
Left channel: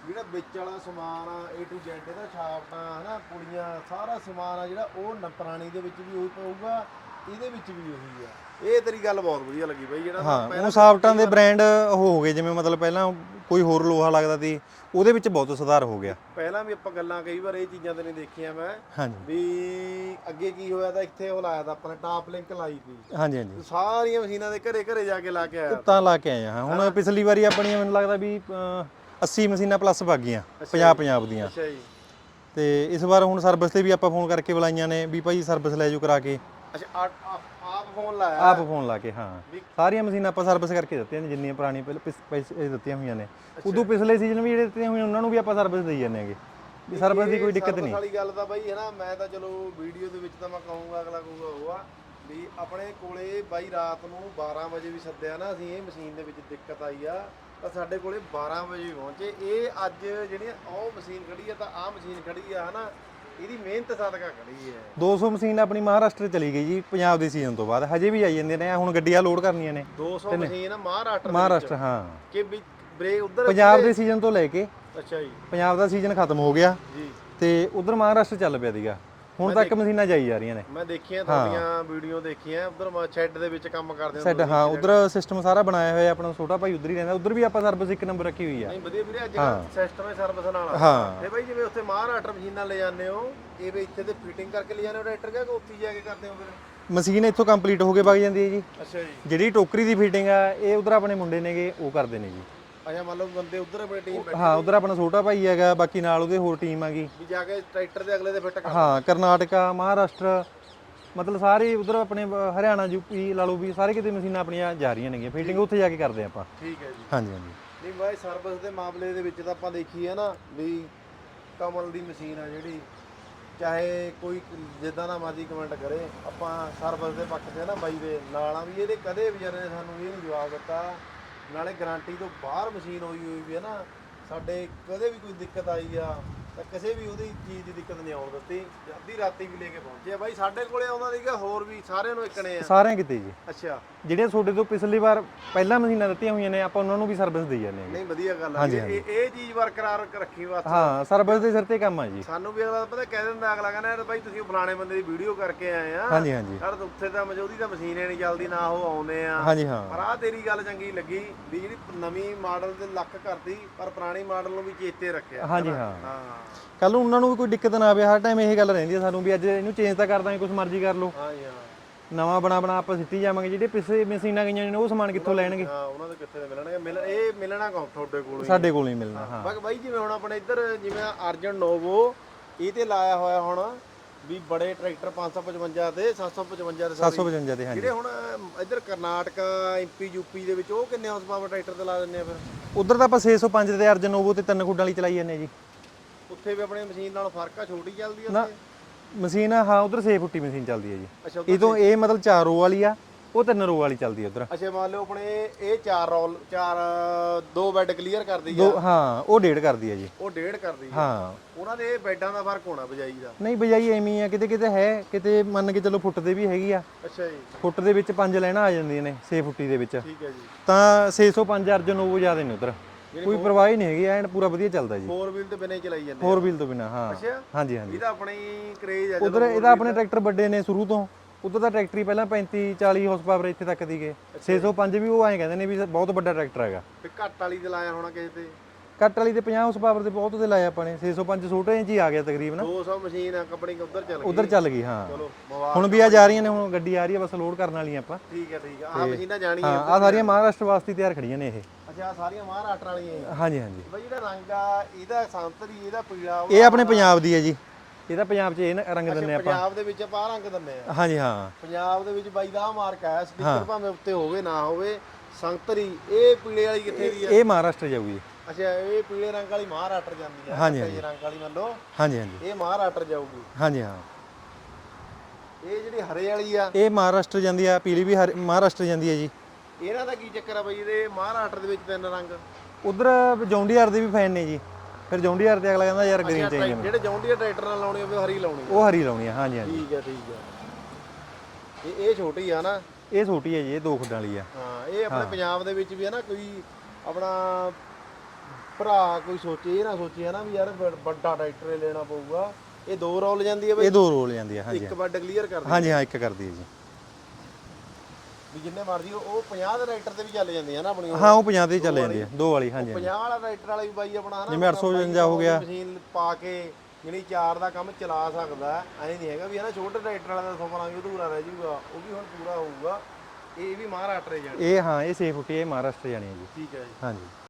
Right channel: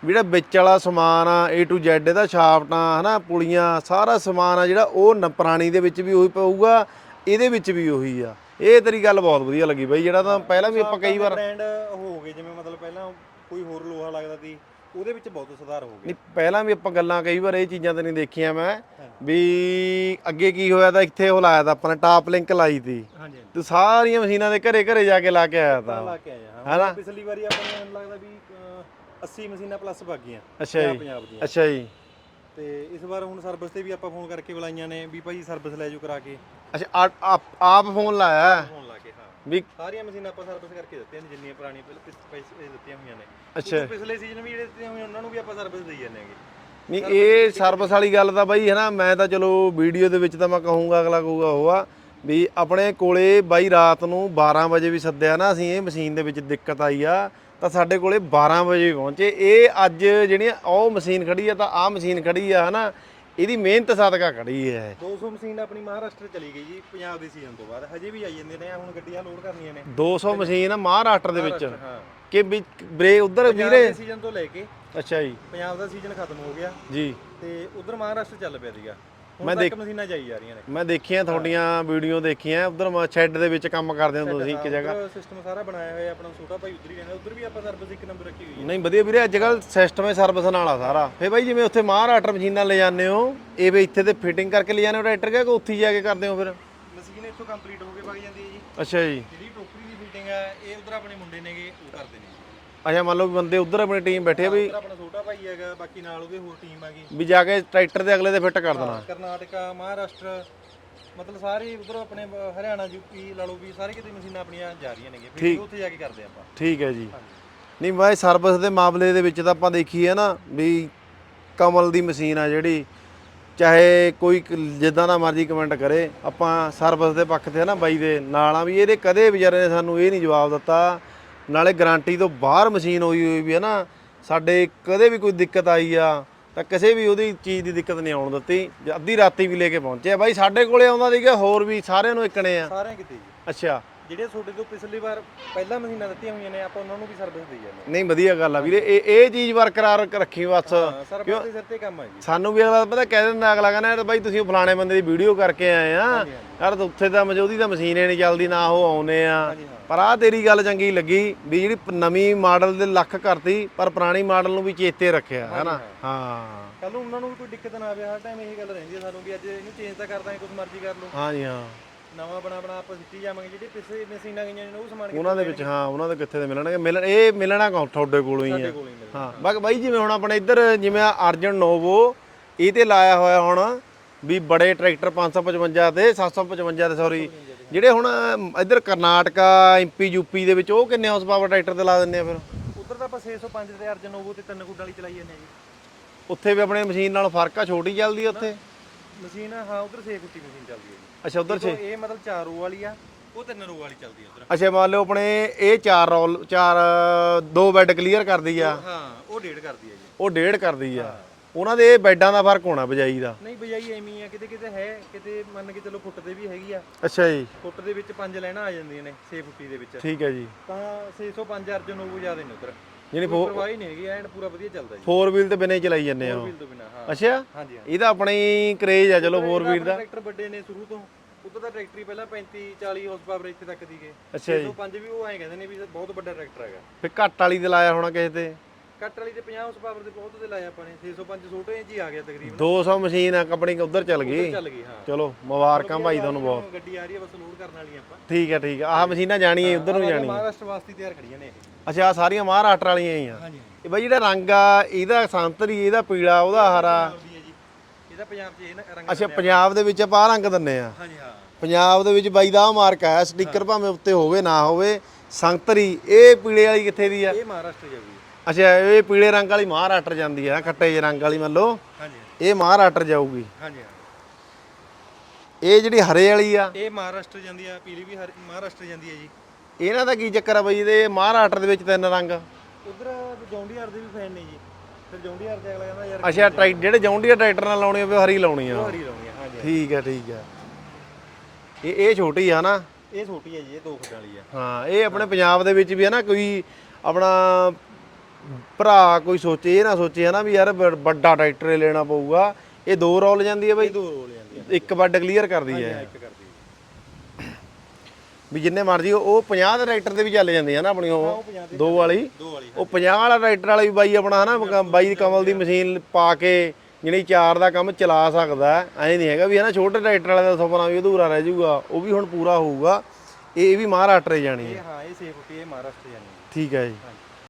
ਜਿਹੜਾ ਵਿੱਚ ਵਾਲਾ ਸਮਾਨ ਆ A to Z ਇਹਦਾ ਛਾਪਟਾਂ ਹਨਾ ਪੁਲੀਆਂ ਸਾਰਾ ਸਮਾਨ ਆ ਜਿਹੜਾ ਉਹ ਪੁਰਾਣੀ ਦੇ ਵਿੱਚ ਵੀ ਉਹੀ ਪਊਗਾ ਇਹਦੇ ਵਿੱਚ ਵੀ ਉਹੀ ਆ। ਇਹ ਤੇਰੀ ਗੱਲ ਬਹੁਤ ਵਧੀਆ ਲੱਗੀ ਬਾਈ ਜਿਹੜਾ ਤਾਂ ਪਹਿਲਾਂ ਸਾਫਟਾਂ ਦੇ ਬ੍ਰਾਂਡ ਹੋ ਗਏ ਜਿਵੇਂ ਮਤਲਬ ਪਹਿਲਾਂ ਕੋਈ ਹੋਰ ਲੋਹਾ ਲੱਗਦਾ ਸੀ ਉਹਦੇ ਵਿੱਚ ਬਹੁਤ ਸੁਧਾਰ ਹੋ ਗਿਆ। ਪਹਿਲਾਂ ਵੀ ਆਪਾਂ ਗੱਲਾਂ ਕਈ ਵਾਰ ਇਹ ਚੀਜ਼ਾਂ ਤੇ ਨਹੀਂ ਦੇਖੀਆਂ ਮੈਂ ਵੀ ਅੱਗੇ ਕੀ ਹੋਇਆ ਤਾਂ ਇੱਥੇ ਉਹ ਲਾਇਆ ਤਾਂ ਆਪਾਂ ਨੇ ਟਾਪ ਲਿੰਕ ਲਾਈ ਤੀ। ਹਾਂਜੀ ਹਾਂਜੀ। ਤੇ ਸਾਰੀਆਂ ਮਸ਼ੀਨਾਂ ਦੇ ਘਰੇ ਘਰੇ ਜਾ ਕੇ ਲਾ ਕੇ ਆਇਆ ਤਾਂ। ਲਾ ਕੇ ਆਏ ਹਾਂ। ਹੁਣ ਪਿਛਲੀ ਵਾਰੀ ਆਪਣੀ ਮੈਨੂੰ ਲੱਗਦਾ ਵੀ ਅਹ, 80 ਮਸ਼ੀਨਾਂ ਪਲੱਸ ਵਗ ਗਈਆਂ ਅੱਛਾ 50 ਜੀ। ਪੰਜਾਬ ਦੀਆਂ ਅੱਛਾ ਜੀ। ਤੇ ਇਸ ਵਾਰ ਹੁਣ ਸਰਵਿਸ ਤੇ ਵੀ ਆਪਾਂ ਫੋਨ ਕਰਕੇ ਬੁਲਾਈਆਂ ਨੇ ਵੀ ਭਾਈ ਸਰਵਿਸ ਲੈ ਜਾਓ ਕਰਾ ਕੇ। ਅੱਛਾ ਆ- ਆਪ ਆਪ ਫੋਨ ਲਾਇਆ? ਆਪ ਫੋਨ ਲਾ ਕੇ ਹਾਂ। ਵੀ ਸਾਰੀਆਂ ਮਸ਼ੀਨਾਂ ਆਪਾਂ ਸਰਵਿਸ ਕਰਕੇ ਦਿੱਤੀਆਂ ਨੇ ਜਿੰਨੀਆਂ ਪੁਰਾਣੀਆਂ ਪਹਿਲਾਂ ਪਿਛ- ਇਹ ਦਿੱਤੀਆਂ ਹੋਈਆਂ ਨੇ। ਉਦੋਂ ਪਿਛਲੇ ਸੀਜ਼ਨ ਵੀ ਜਿਹੜੇ ਦਿੱਤੀਆਂ ਹੋਈਆਂ ਉਹਨਾਂ ਨੂੰ ਵੀ ਆਪਾਂ ਸਰਵਿਸ ਦੇਈ ਜਾਂਦੇ ਹੈਗੇ। ਕੋਈ ਇਹ ਸਰਵਿਸ ਵਾਲੀ ਗੱਲ ਤਾਂ ਬਾਈ ਹੈ ਨਾ ਮੈਂ ਤਾਂ ਚਲੋ ਵੀਡੀਓ ਦੇ ਵਿੱਚ ਤਾਂ ਮੈਂ ਕਹੂੰਗਾ ਅਗਲਾ ਕਹੂਗਾ ਉਹ ਆ ਵੀ ਆਪਣੇ ਕੋਲੇ ਬਾਈ ਰਾਤ ਨੂੰ 12 ਵਜੇ ਵੀ ਸੱਦਿਆ ਨਾ ਅਸੀਂ ਇਹ ਮਸ਼ੀਨ ਦੇ ਵਿੱਚ ਦਿੱਕਤ ਆਈ ਆ ਤਾਂ ਸਾਡੇ ਕੋਲੇ 12 ਵਜੇ ਪਹੁੰਚੇ। ਇਹ ਅੱਜ ਜਿਹੜੀਆਂ ਉਹ ਮਸ਼ੀਨ ਖੜੀ ਆ ਤਾਂ ਆਹ ਮਸ਼ੀਨ ਖੜੀ ਆ ਹਨਾ ਇਹਦੀ ਮਿਹਨਤ ਸਦਕਾ ਖੜੀ ਹੈ। 200 ਮਸ਼ੀਨ ਆਪਣੀ ਮਹਾਰਾਸ਼ਟਰ ਚਲੀ ਗਈ ਜੀ ਪੰਜਾਬ ਦੇ ਸੀਜ਼ਨ ਤੋਂ ਬਾਅਦ। ਹਜੇ ਵੀ ਆਈ ਜਾਂਦੇ ਨੇ ਹੁਣ ਗੱਡੀਆਂ ਲੋਡ ਕਰਨੀਆਂ ਨੇ। 200 ਮਸ਼ੀਨ ਮਹਾਰਾਸ਼ਟਰ ਦੇ ਵਿੱਚ। ਹਾਂ। ਕਿ ਵੀ ਬ੍ਰੇਕ ਉਧਰ ਪੰਜਾਬ ਦੇ ਸੀਜ਼ਨ ਤੋਂ ਲੈ ਕੇ ਅੱਛਾ ਜੀ। ਪੰਜਾਬ ਦਾ ਸੀਜ਼ਨ ਖਤਮ ਹੋ ਗਿਆ। ਜੀ। ਤੇ ਉਧਰ ਮਹਾਰਾਸ਼ਟਰ ਚੱਲ ਪਿਆ ਸੀਗਾ। ਹੁਣ ਤੱਕ ਮਸ਼ੀਨਾਂ ਜਾਈ ਜਾ ਰਹੀਆਂ ਨੇ। ਮੈਂ ਦੇਖੀਆਂ ਤੁਹਾਡੀਆਂ ਵੀਡੀਓ ਦੇਖੀਆਂ ਉਧਰ ਸ਼ੈੱਡ ਦੇ ਵਿੱਚ ਕੰਮ ਕਰਦੇ ਹਾਂ ਇੱਕ ਜਗ੍ਹਾ। ਉਧਰ ਸਿਸਟਮ ਸਾਰਾ ਬਣਾਇਆ ਹੋਇਆ ਆਪਣਾ ਛੋਟਾ ਭਾਈ ਉਧਰ ਹੀ ਰਹਿੰਦਾ ਉਧਰ ਵੀ ਆਪਾਂ ਸਰਵਿਸ ਇੱਕ ਨੰਬਰ ਰੱਖੀ ਹੋਈ ਹੈ ਨਹੀਂ ਵਧੀਆ ਵੀਰੇ ਅੱਜ ਕੱਲ ਸਿਸਟਮ ਹੈ ਸਰਵਿਸ ਨਾਲ ਆ ਫੇ ਬਾਈ ਜਿਵੇਂ ਉੱਥੇ ਮਹਾਰਾਸ਼ਟਰ ਮਸ਼ੀਨਾਂ ਲੈ ਜਾਂਦੇ ਹੋ ਇਹ ਵੀ ਇੱਥੇ ਤੇ ਫਿਟਿੰਗ ਕਰਕੇ ਲੈ ਜਾਂਦੇ ਹੋ ਟਰੈਕਟਰ ਕਿ ਉੱਥੇ ਜਾ ਕੇ ਕਰਦੇ ਹੋ ਫਿਰ? ਮਸ਼ੀਨ ਇੱਥੋਂ ਕੰਪਲੀਟ ਹੋ ਕੇ ਵਗ ਜਾਂਦੀ ਹੈ ਜੀ। ਅੱਛਾ ਜੀ। ਜਿਹੜੀ ਟੋਕਰੀ ਦੀ ਫਿਟਿੰਗ ਆ ਇਹ ਉਧਰ ਆਪਣੇ ਮੁੰਡੇ ਨੇਗੇ ਉਹ ਕਰਦੇ ਨੇ ਜੀ। ਅੱਛਾ ਮੰਨ ਲਓ ਵੀ ਬੰਦੇ ਉਧਰ ਆਪਣੀ ਟੀਮ ਬੈਠੇ ਹਾਂ ਉਧਰ ਆਪਣਾ ਛੋਟਾ ਭਾਈ ਹੈਗਾ ਬਾਕੀ ਨਾਲ ਉਹਦੇ ਹੋਰ ਟੀਮ ਹੈਗੀ ਵੀ ਜਾ ਕੇ ਟਰੈਕਟਰ ਦੇ ਅਗਲੇ ਦੇ ਫਿੱਟ ਕਰ ਹਾਂ ਕਰਨਾਟਕਾ ਮਹਾਰਾਸ਼ਟਰ ਮਤਲਬ ਸਾਰੇ ਉਧਰ ਆਪਣੇ ਹਰਿਆਣਾ ਯੂਪੀ ਲਾ ਲਓ ਵੀ ਸਾਰੇ ਕਿਤੇ ਮਸ਼ੀਨਾਂ ਆਪਣੀਆਂ ਜਾ ਰਹੀਆਂ ਨੇਗੀਆਂ ਫਿਰ ਉੱਥੇ ਜਾ ਕੇ ਕਰਦੇ ਆਪਾਂ। ਠੀਕ ਹੈ ਜੀ। ਹਾਂਜੀ ਹਾਂਜੀ। ਨਹੀਂ ਬਾਈ ਸਰਵਿਸ ਦੇ ਮਾਮਲੇ ਦੇ ਵਿੱਚ ਤਾਂ ਆਪਾਂ ਦੇਖੀਏ ਨਾ ਵੀ ਕਮਲ ਦੀ ਮਸ਼ੀਨ ਆ ਜਿਹੜੀ ਚਾਹੇ ਕੋਈ ਕ- ਜਿੱਦਾਂ ਦਾ ਮਰਜ਼ੀ ਕਮੈਂਟ ਕਰੇ ਆਪਾਂ ਸਰਵਿਸ ਦੇ ਪੱਖ ਤੇ ਆ ਨਾ ਬਾਈ ਦੇ ਨਾਲ ਆ ਵੀ ਇਹਦੇ ਕਦੇ ਵਿਚਾਰੇ ਨੇ ਸਾਨੂੰ ਇਹ ਨਹੀਂ ਜਵਾਬ ਦਿੱਤਾ ਨਾਲੇ ਗਾਰੰਟੀ ਤੋਂ ਬਾਹਰ ਮਸ਼ੀਨ ਹੋਈ ਹੋਈ ਵੀ ਹੈ ਨਾ ਸਾਡੇ ਕਦੇ ਵੀ ਕੋਈ ਦਿੱਕਤ ਆਈ ਆ ਤਾਂ ਕਿਸੇ ਵੀ ਉਹਦੀ ਚੀਜ਼ ਦੀ ਦਿੱਕਤ ਨਹੀਂ ਆਉਣ ਦਿੱਤੀ ਅੱਧੀ ਰਾਤੀ ਵੀ ਲੈ ਕੇ ਪਹੁੰਚੇ ਬਾਈ ਸਾਡੇ ਕੋਲੇ ਆਉਂਦਾ ਸੀਗਾ ਹੋਰ ਵੀ ਸਾਰਿਆਂ ਨੂੰ ਇਕਣੇ ਆ। ਸਾਰਿਆਂ ਕਿਤੇ ਜੀ ਅੱਛਾ। ਜਿਹੜੇ ਤੁਹਾਡੇ ਤੋਂ ਪਿਛਲੀ ਵਾਰ ਪਹਿਲਾਂ ਮਸ਼ੀਨਾਂ ਦਿੱਤੀਆਂ ਹੋਈਆਂ ਨੇ ਆਪਾਂ ਉਹਨਾਂ ਨੂੰ ਵੀ ਸਰਵਿਸ ਦੇਈ ਜਾਂਦੇ ਹਾਂ। ਨਹੀਂ ਵਧੀਆ ਗੱਲ ਆ ਵੀਰੇ। ਇਹ ਇਹ ਚੀਜ਼ ਬਰਕਰਾਰ ਰੱਖੀ ਬਸ। ਹਾਂ ਸਰਵਿਸ ਦੇ ਸਿਰ ਤੇ ਕੰਮ ਆ ਜੀ। ਸਾਨੂੰ ਵੀ ਅਗਲਾ ਪਤਾ ਕਹਿ ਦਿੰਦਾ ਅਗਲਾ ਕਹਿੰਦਾ ਯਾਰ ਬਾਈ ਤੁਸੀਂ ਉਹ ਫਲਾਣੇ ਬੰਦੇ ਦੀ ਵੀਡੀਓ ਕਰਕੇ ਆਏ ਆ। ਹਾਂਜੀ ਹਾਂਜੀ। ਯਾਰ ਉੱਥੇ ਤਾਂ ਮੌਜੂਦੀ ਤਾਂ ਮਸ਼ੀਨ ਹੀ ਨਹੀਂ ਚੱਲਦੀ ਨਾ ਉਹ ਆਉਨੇ ਆ। ਹਾਂਜੀ ਹਾਂ। ਪਰ ਆ ਤੇਰੀ ਗੱਲ ਚੰਗੀ ਲੱਗੀ ਵੀ ਜਿਹੜੀ ਪ- ਨਵੀਂ ਮਾਡਲ ਦੇ ਲੱਖ ਕਰਤੀ ਪਰ ਪੁਰਾਣੀ ਮਾਡਲ ਨੂੰ ਵੀ ਚੇਤੇ ਰੱਖਿਆ ਹਾਂਜੀ, ਹਨਾ? ਹਾਂ। ਹਾਂ। ਕੱਲ ਨੂੰ ਉਹਨਾਂ ਨੂੰ ਵੀ ਕੋਈ ਦਿੱਕਤ ਨਾ ਆਵੇ ਹਰ ਟਾਈਮ ਇਹ ਗੱਲ ਰਹਿੰਦੀ ਹੈ ਸਾਨੂੰ ਵੀ ਅੱਜ ਇਹਨੂੰ ਚੇਂਜ ਤਾਂ ਕਰ ਦਾਂਗੇ ਕੁਝ ਮਰਜ਼ੀ ਕਰ ਲਓ। ਹਾਂਜੀ ਹਾਂ। ਨਵਾਂ ਬਣਾ ਬਣਾ ਆਪਾਂ ਸਿੱਟੀ ਜਾਵਾਂਗੇ ਜਿਹੜੇ ਪਿਛਲੇ ਮਸ਼ੀਨਾਂ ਗਈਆਂ ਨੇ ਉਹ ਸਮਾਨ ਕਿੱਥੋਂ ਉਹਨਾਂ ਦੇ ਲੈਣਗੇ? ਹਾਂ ਉਹਨਾਂ ਦੇ ਕਿੱਥੇ ਦੇ ਮਿਲਣਗੇ? ਮਿਲਣ ਇਹ ਮਿਲਣਾ ਕੌਣ? ਤੁਹਾਡੇ ਕੋਲੋਂ ਹੀ। ਸਾਡੇ ਕੋਲ ਨਹੀਂ ਮਿਲਣਾ। ਹਾਂ ਬਾਕੀ ਬਾਈ ਜਿਵੇਂ ਹੁਣ ਆਪਣੇ ਇੱਧਰ ਜਿਵੇਂ ਅਰਜਨ ਨੋਵੋ ਇਹ ਤੇ ਲਾਇਆ ਹੋਇਆ ਹੁਣ ਵੀ ਬੜੇ ਟਰੈਕਟਰ 555 ਤੇ 755 ਤੇ ਸੌਰੀ 755 ਦੇ ਜਿਹੜੇ ਹੁਣ ਇੱਧਰ ਕਰਨਾਟਕਾ ਐਮਪੀ ਯੂਪੀ ਦੇ ਵਿੱਚ ਉਹ ਕਿੰਨੇ ਹਾਰਸ ਪਾਵਰ ਟਰੈਕਟਰ ਤੇ ਲਾ ਦਿੰਦੇ ਆ ਫਿਰ? ਉਧਰ ਤਾਂ ਆਪਾਂ 605 ਤੇ ਅਰਜਨ ਨੋਵੋ ਤੇ ਤਿੰਨ ਖੁੱਡਾਂ ਵਾਲੀ ਚਲਾਈ ਜਾਂਦੇ ਜੀ। ਉੱਥੇ ਵੀ ਆਪਣੇ ਮਸ਼ੀਨ ਨਾਲ ਫ਼ਰਕ ਆ ਛੋਟੀ ਚੱਲਦੀ ਆ ਉੱਥੇ? ਮਸ਼ੀਨ ਹਾਂ ਉਧਰ 6 ਫੁੱਟੀ ਮਸ਼ੀਨ ਚੱਲਦੀ ਹੈ ਜੀ। ਅੱਛਾ ਇਹ ਤੋਂ ਇਹ ਮਤਲਬ 4 ਰੋ ਵਾਲੀ ਆ ਉਹ 3 ਰੋ ਵਾਲੀ ਚੱਲਦੀ ਹੈ ਉਧਰ। ਅੱਛਾ ਮੰਨ ਲਓ ਆਪਣੇ ਇਹ ਚਾਰ ਰੋਲ ਚਾਰ ਦੋ ਬੈੱਡ ਕਲੀਅਰ ਕਰਦੀ ਆ। ਹਾਂ ਉਹ ਡੇਢ ਕਰਦੀ ਹੈ ਜੀ। ਉਹ ਡੇਢ ਕਰਦੀ ਆ। ਹਾਂ। ਉਹਨਾਂ ਦੇ ਇਹ ਬੈੱਡਾਂ ਦਾ ਫ਼ਰਕ ਹੋਣਾ ਬਜਾਈ ਦਾ। ਨਹੀਂ ਬਜਾਈ ਐਵੇਂ ਹੀ ਆ ਕਿਤੇ ਕਿਤੇ ਹੈ ਕਿਤੇ ਮੰਨ ਕੇ ਚੱਲੋ ਫੁੱਟ ਦੇ ਵੀ ਹੈਗੀ ਆ। ਅੱਛਾ ਜੀ। ਫੁੱਟ ਦੇ ਵਿੱਚ ਪੰਜ ਲੈਣਾ ਆ ਜਾਂਦੀਆਂ ਨੇ 6 ਫੁੱਟੀ ਦੇ ਵਿੱਚ। ਠੀਕ ਹੈ ਜੀ। ਤਾਂ 605 ਅਰਜਨ ਉਹ ਜ਼ਿਆਦਾ ਨੇ ਉਧਰ। ਜਿਹੜੀ ਕੋਈ ਪਰਵਾਹ ਹੀ ਨਹੀਂ ਹੈਗੀ ਐਨ ਪੂਰਾ ਵਧੀਆ ਚੱਲਦਾ ਜੀ। 4 ਵੀਲ ਤੇ ਬਿਨਾਂ ਹੀ ਚਲਾਈ ਜਾਂਦੇ ਆ। ਫੋਰ ਵੀਲ ਤੋਂ ਬਿਨਾ ਹਾਂ। ਅੱਛਾ? ਹਾਂਜੀ ਹਾਂਜੀ। ਇਹਦਾ ਆਪਣਾ ਹੀ ਕਰੇਜ ਆ ਚਲੋ ਉਧਰ 4 ਇਹਦਾ ਵੀਲ ਆਪਣੇ ਟਰੈਕਟਰ ਵੱਡੇ ਨੇ ਸ਼ੁਰੂ ਤੋਂ। ਉਧਰ ਦਾ ਟਰੈਕਟਰ ਹੀ ਪਹਿਲਾਂ 35 40 ਹਾਰਸ ਪਾਵਰ ਇੱਥੇ ਤੱਕ ਦੀਗੇ 605 ਵੀ ਉਹ ਐਂ ਕਹਿੰਦੇ ਨੇ ਵੀ ਬਹੁਤ ਵੱਡਾ ਟਰੈਕਟਰ ਹੈਗਾ। ਫਿਰ ਘੱਟ ਵਾਲੀ ਤੇ ਲਾਇਆ ਹੋਣਾ ਕਿਸੇ ਤੇ। ਕੱਟ ਵਾਲੀ ਤੇ 50 ਹਾਰਸ ਪਾਵਰ ਦੇ ਬਹੁਤ ਤੇ ਲਾਇਆ ਆਪਾਂ ਨੇ 605 ਛੋਟੇ ਇੰਚ ਹੀ ਆ ਗਿਆ ਤਕਰੀਬਨ। 200 ਮਸ਼ੀਨ ਆ ਕੰਪਨੀ ਉਧਰ ਚੱਲ ਉਧਰ ਗਈ ਚੱਲ ਗਈ ਹਾਂ। ਚਲੋ ਮੁਬਾਰਕ ਹੁਣ ਵੀ ਆ ਜਾ ਰਹੀਆਂ ਨੇ ਹੁਣ ਗੱਡੀ ਆ ਰਹੀ ਹੈ ਬਸ ਲੋਡ ਕਰਨ ਵਾਲੀਆਂ ਆਪਾਂ। ਠੀਕ ਹੈ ਠੀਕ ਹੈ ਆਹ ਮਸ਼ੀਨਾਂ ਜਾਣੀਆਂ ਆ ਉਧਰ ਸਾਰੀਆਂ ਮਹਾਰਾਸ਼ਟਰ ਵਾਸਤੇ ਤਿਆਰ ਖੜੀਆਂ ਨੇ ਇਹ। ਅੱਛਾ ਆਹ ਸਾਰੀਆਂ ਮਹਾਰਾਸ਼ਟਰ ਵਾਲੀਆਂ ਹੀ ਆ। ਹਾਂਜੀ ਹਾਂਜੀ। ਇਹ ਬਾਈ ਜਿਹੜਾ ਰੰਗ ਆ ਇਹਦਾ ਸੰਤਰੀ ਇਹਦਾ ਪੀਲਾ ਉਹਦਾ ਇਹ ਆਪਣੇ। ਪੰਜਾਬ ਦੀ ਹੈ ਜੀ। ਇਹਦਾ ਪੰਜਾਬ 'ਚ ਇਹ ਰੰਗ ਅੱਛਾ ਦਿੰਦੇ ਆ ਪੰਜਾਬ ਦੇ ਵਿੱਚ ਆਪਾਂ ਰੰਗ ਦਿੰਨੇ ਆ। ਹਾਂਜੀ ਹਾਂ। ਪੰਜਾਬ ਦੇ ਵਿੱਚ ਬਾਈ ਦਾ ਮਾਰਕ ਆਇਆ ਸਟicker ਭਾਵੇਂ ਉੱਤੇ ਹੋਵੇ ਨਾ ਹੋਵੇ ਸੰਤਰੀ ਇਹ ਪੀਲੇ ਵਾਲੀ ਕਿੱਥੇ ਦੀ ਆ? ਇਹ ਮਹਾਰਾਸ਼ਟਰ ਜਾਊਗੀ ਅੱਛਾ ਇਹ ਪੀਲੇ ਰੰਗ ਵਾਲੀ ਮਹਾਰਾਸ਼ਟਰ ਜਾਂਦੀ ਆ ਖੱਟੇ ਜਿਹੇ ਰੰਗ ਵਾਲੀ ਮੰਨ ਲਓ। ਹਾਂਜੀ ਹਾਂਜੀ। ਇਹ ਮਹਾਰਾਸ਼ਟਰ ਜਾਊਗੀ। ਹਾਂਜੀ ਹਾਂ। ਇਹ ਜਿਹੜੀ ਹਰੇ ਵਾਲੀ ਆ। ਇਹ ਮਹਾਰਾਸ਼ਟਰ ਜਾਂਦੀ ਆ ਪੀਲੀ ਵੀ ਹਰ- ਮਹਾਰਾਸ਼ਟਰ ਜਾਂਦੀ ਹੈ ਜੀ। ਇਹਨਾਂ ਦਾ ਕੀ ਚੱਕਰ ਆ ਬਾਈ ਇਹਦੇ? ਮਹਾਰਾਸ਼ਟਰ ਦੇ ਵਿੱਚ ਤਿੰਨ ਰੰਗ। ਉਧਰ ਜੌਂਡੀਆਰ ਦੇ ਵੀ ਫੈਨ ਨੇ ਜੀ। ਫਿਰ ਜੌਂਡੀਆਰ ਤੇ ਅਗਲਾ ਕਹਿੰਦਾ ਯਾਰ green ਅੱਛਾ ਚਾਹੀਦੀ ਟਰੈਕ ਜਿਹੜੇ ਜੌਂਡੀਆ ਟਰੈਕਟਰ ਨਾਲ ਲਾਉਣੀ ਹੋਵੇ ਉਹ ਹਰੀ ਲਾਉਣੀ ਆ। ਉਹ ਹਰੀ ਲਾਉਣੀ ਆ ਹਾਂਜੀ ਹਾਂਜੀ। ਠੀਕ ਆ ਠੀਕ ਆ। ਇਹ ਇਹ ਛੋਟੀ ਆ ਨਾ। ਇਹ ਛੋਟੀ ਹੈ ਜੀ ਇਹ ਦੋ ਖੁੱਡਾਂ ਵਾਲੀ ਆ। ਹਾਂ ਇਹ ਆਪਣੇ ਪੰਜਾਬ ਦੇ ਵਿੱਚ ਵੀ ਹੈ ਨਾ ਕੋਈ ਆਪਣਾ ਭਰਾ ਕੋਈ ਸੋਚੇ ਇਹ ਨਾ ਸੋਚੇ ਹੈ ਨਾ ਵੀ ਯਾਰ ਵੱਡਾ ਟਰੈਕਟਰ ਹੀ ਲੈਣਾ ਪਊਗਾ। ਇਹ ਦੋ ਰੋਲ ਜਾਂਦੀ ਹੈ ਬਾਈ? ਇਹ ਦੋ ਰੋਲ ਜਾਂਦੀ ਆ ਹਾਂਜੀ। ਇੱਕ ਵੱਡ ਕਲੀਅਰ ਕਰਦੀ ਹਾਂਜੀ ਹੈ ਹਾਂ ਇੱਕ ਕਰਦੀ ਹੈ ਜੀ। ਵੀ ਜਿੰਨੇ ਮਰਜ਼ੀ ਉਹ 50 ਦੇ ਟਰੈਕਟਰ ਦੇ ਵੀ ਚੱਲ ਜਾਂਦੇ ਆ ਨਾ ਆਪਣੀ ਉਹ। ਹਾਂ ਉਹ 50 ਦੀ ਦੋ ਚੱਲੇ ਵਾਲੀ? ਦੋ ਵਾਲੀ ਉਹ ਹਾਂਜੀ। 50 ਵਾਲਾ ਟਰੈਕਟਰ ਵਾਲਾ ਵੀ ਬਾਈ ਆਪਣਾ ਹਨਾ ਬਾਈ ਕਮਲ ਦੀ ਮਸ਼ੀਨ ਪਾ ਕੇ ਜਿਹੜੀ ਚਾਰ ਦਾ ਕੰਮ ਚਲਾ ਸਕਦਾ ਹੈ ਐਂ ਨਹੀਂ ਹੈਗਾ ਵੀ ਹਨਾ ਛੋਟੇ ਟਰੈਕਟਰ ਵਾਲੇ ਦਾ ਸੁਪਨਾ ਵੀ ਅਧੂਰਾ ਰਹਿ ਜਾਊਗਾ ਉਹ ਵੀ ਹੁਣ ਪੂਰਾ ਹੋਊਗਾ। ਇਹ ਵੀ ਮਹਾਰਾਸ਼ਟਰ ਹੀ ਜਾਣੀ ਹੈ। ਇਹ ਹਾਂ ਇਹ 6 ਫੁੱਟੀ ਇਹ ਮਹਾਰਾਸ਼ਟਰ ਜਾਣੀ ਹੈ ਜੀ। ਠੀਕ ਹੈ ਜੀ। ਹਾਂਜੀ।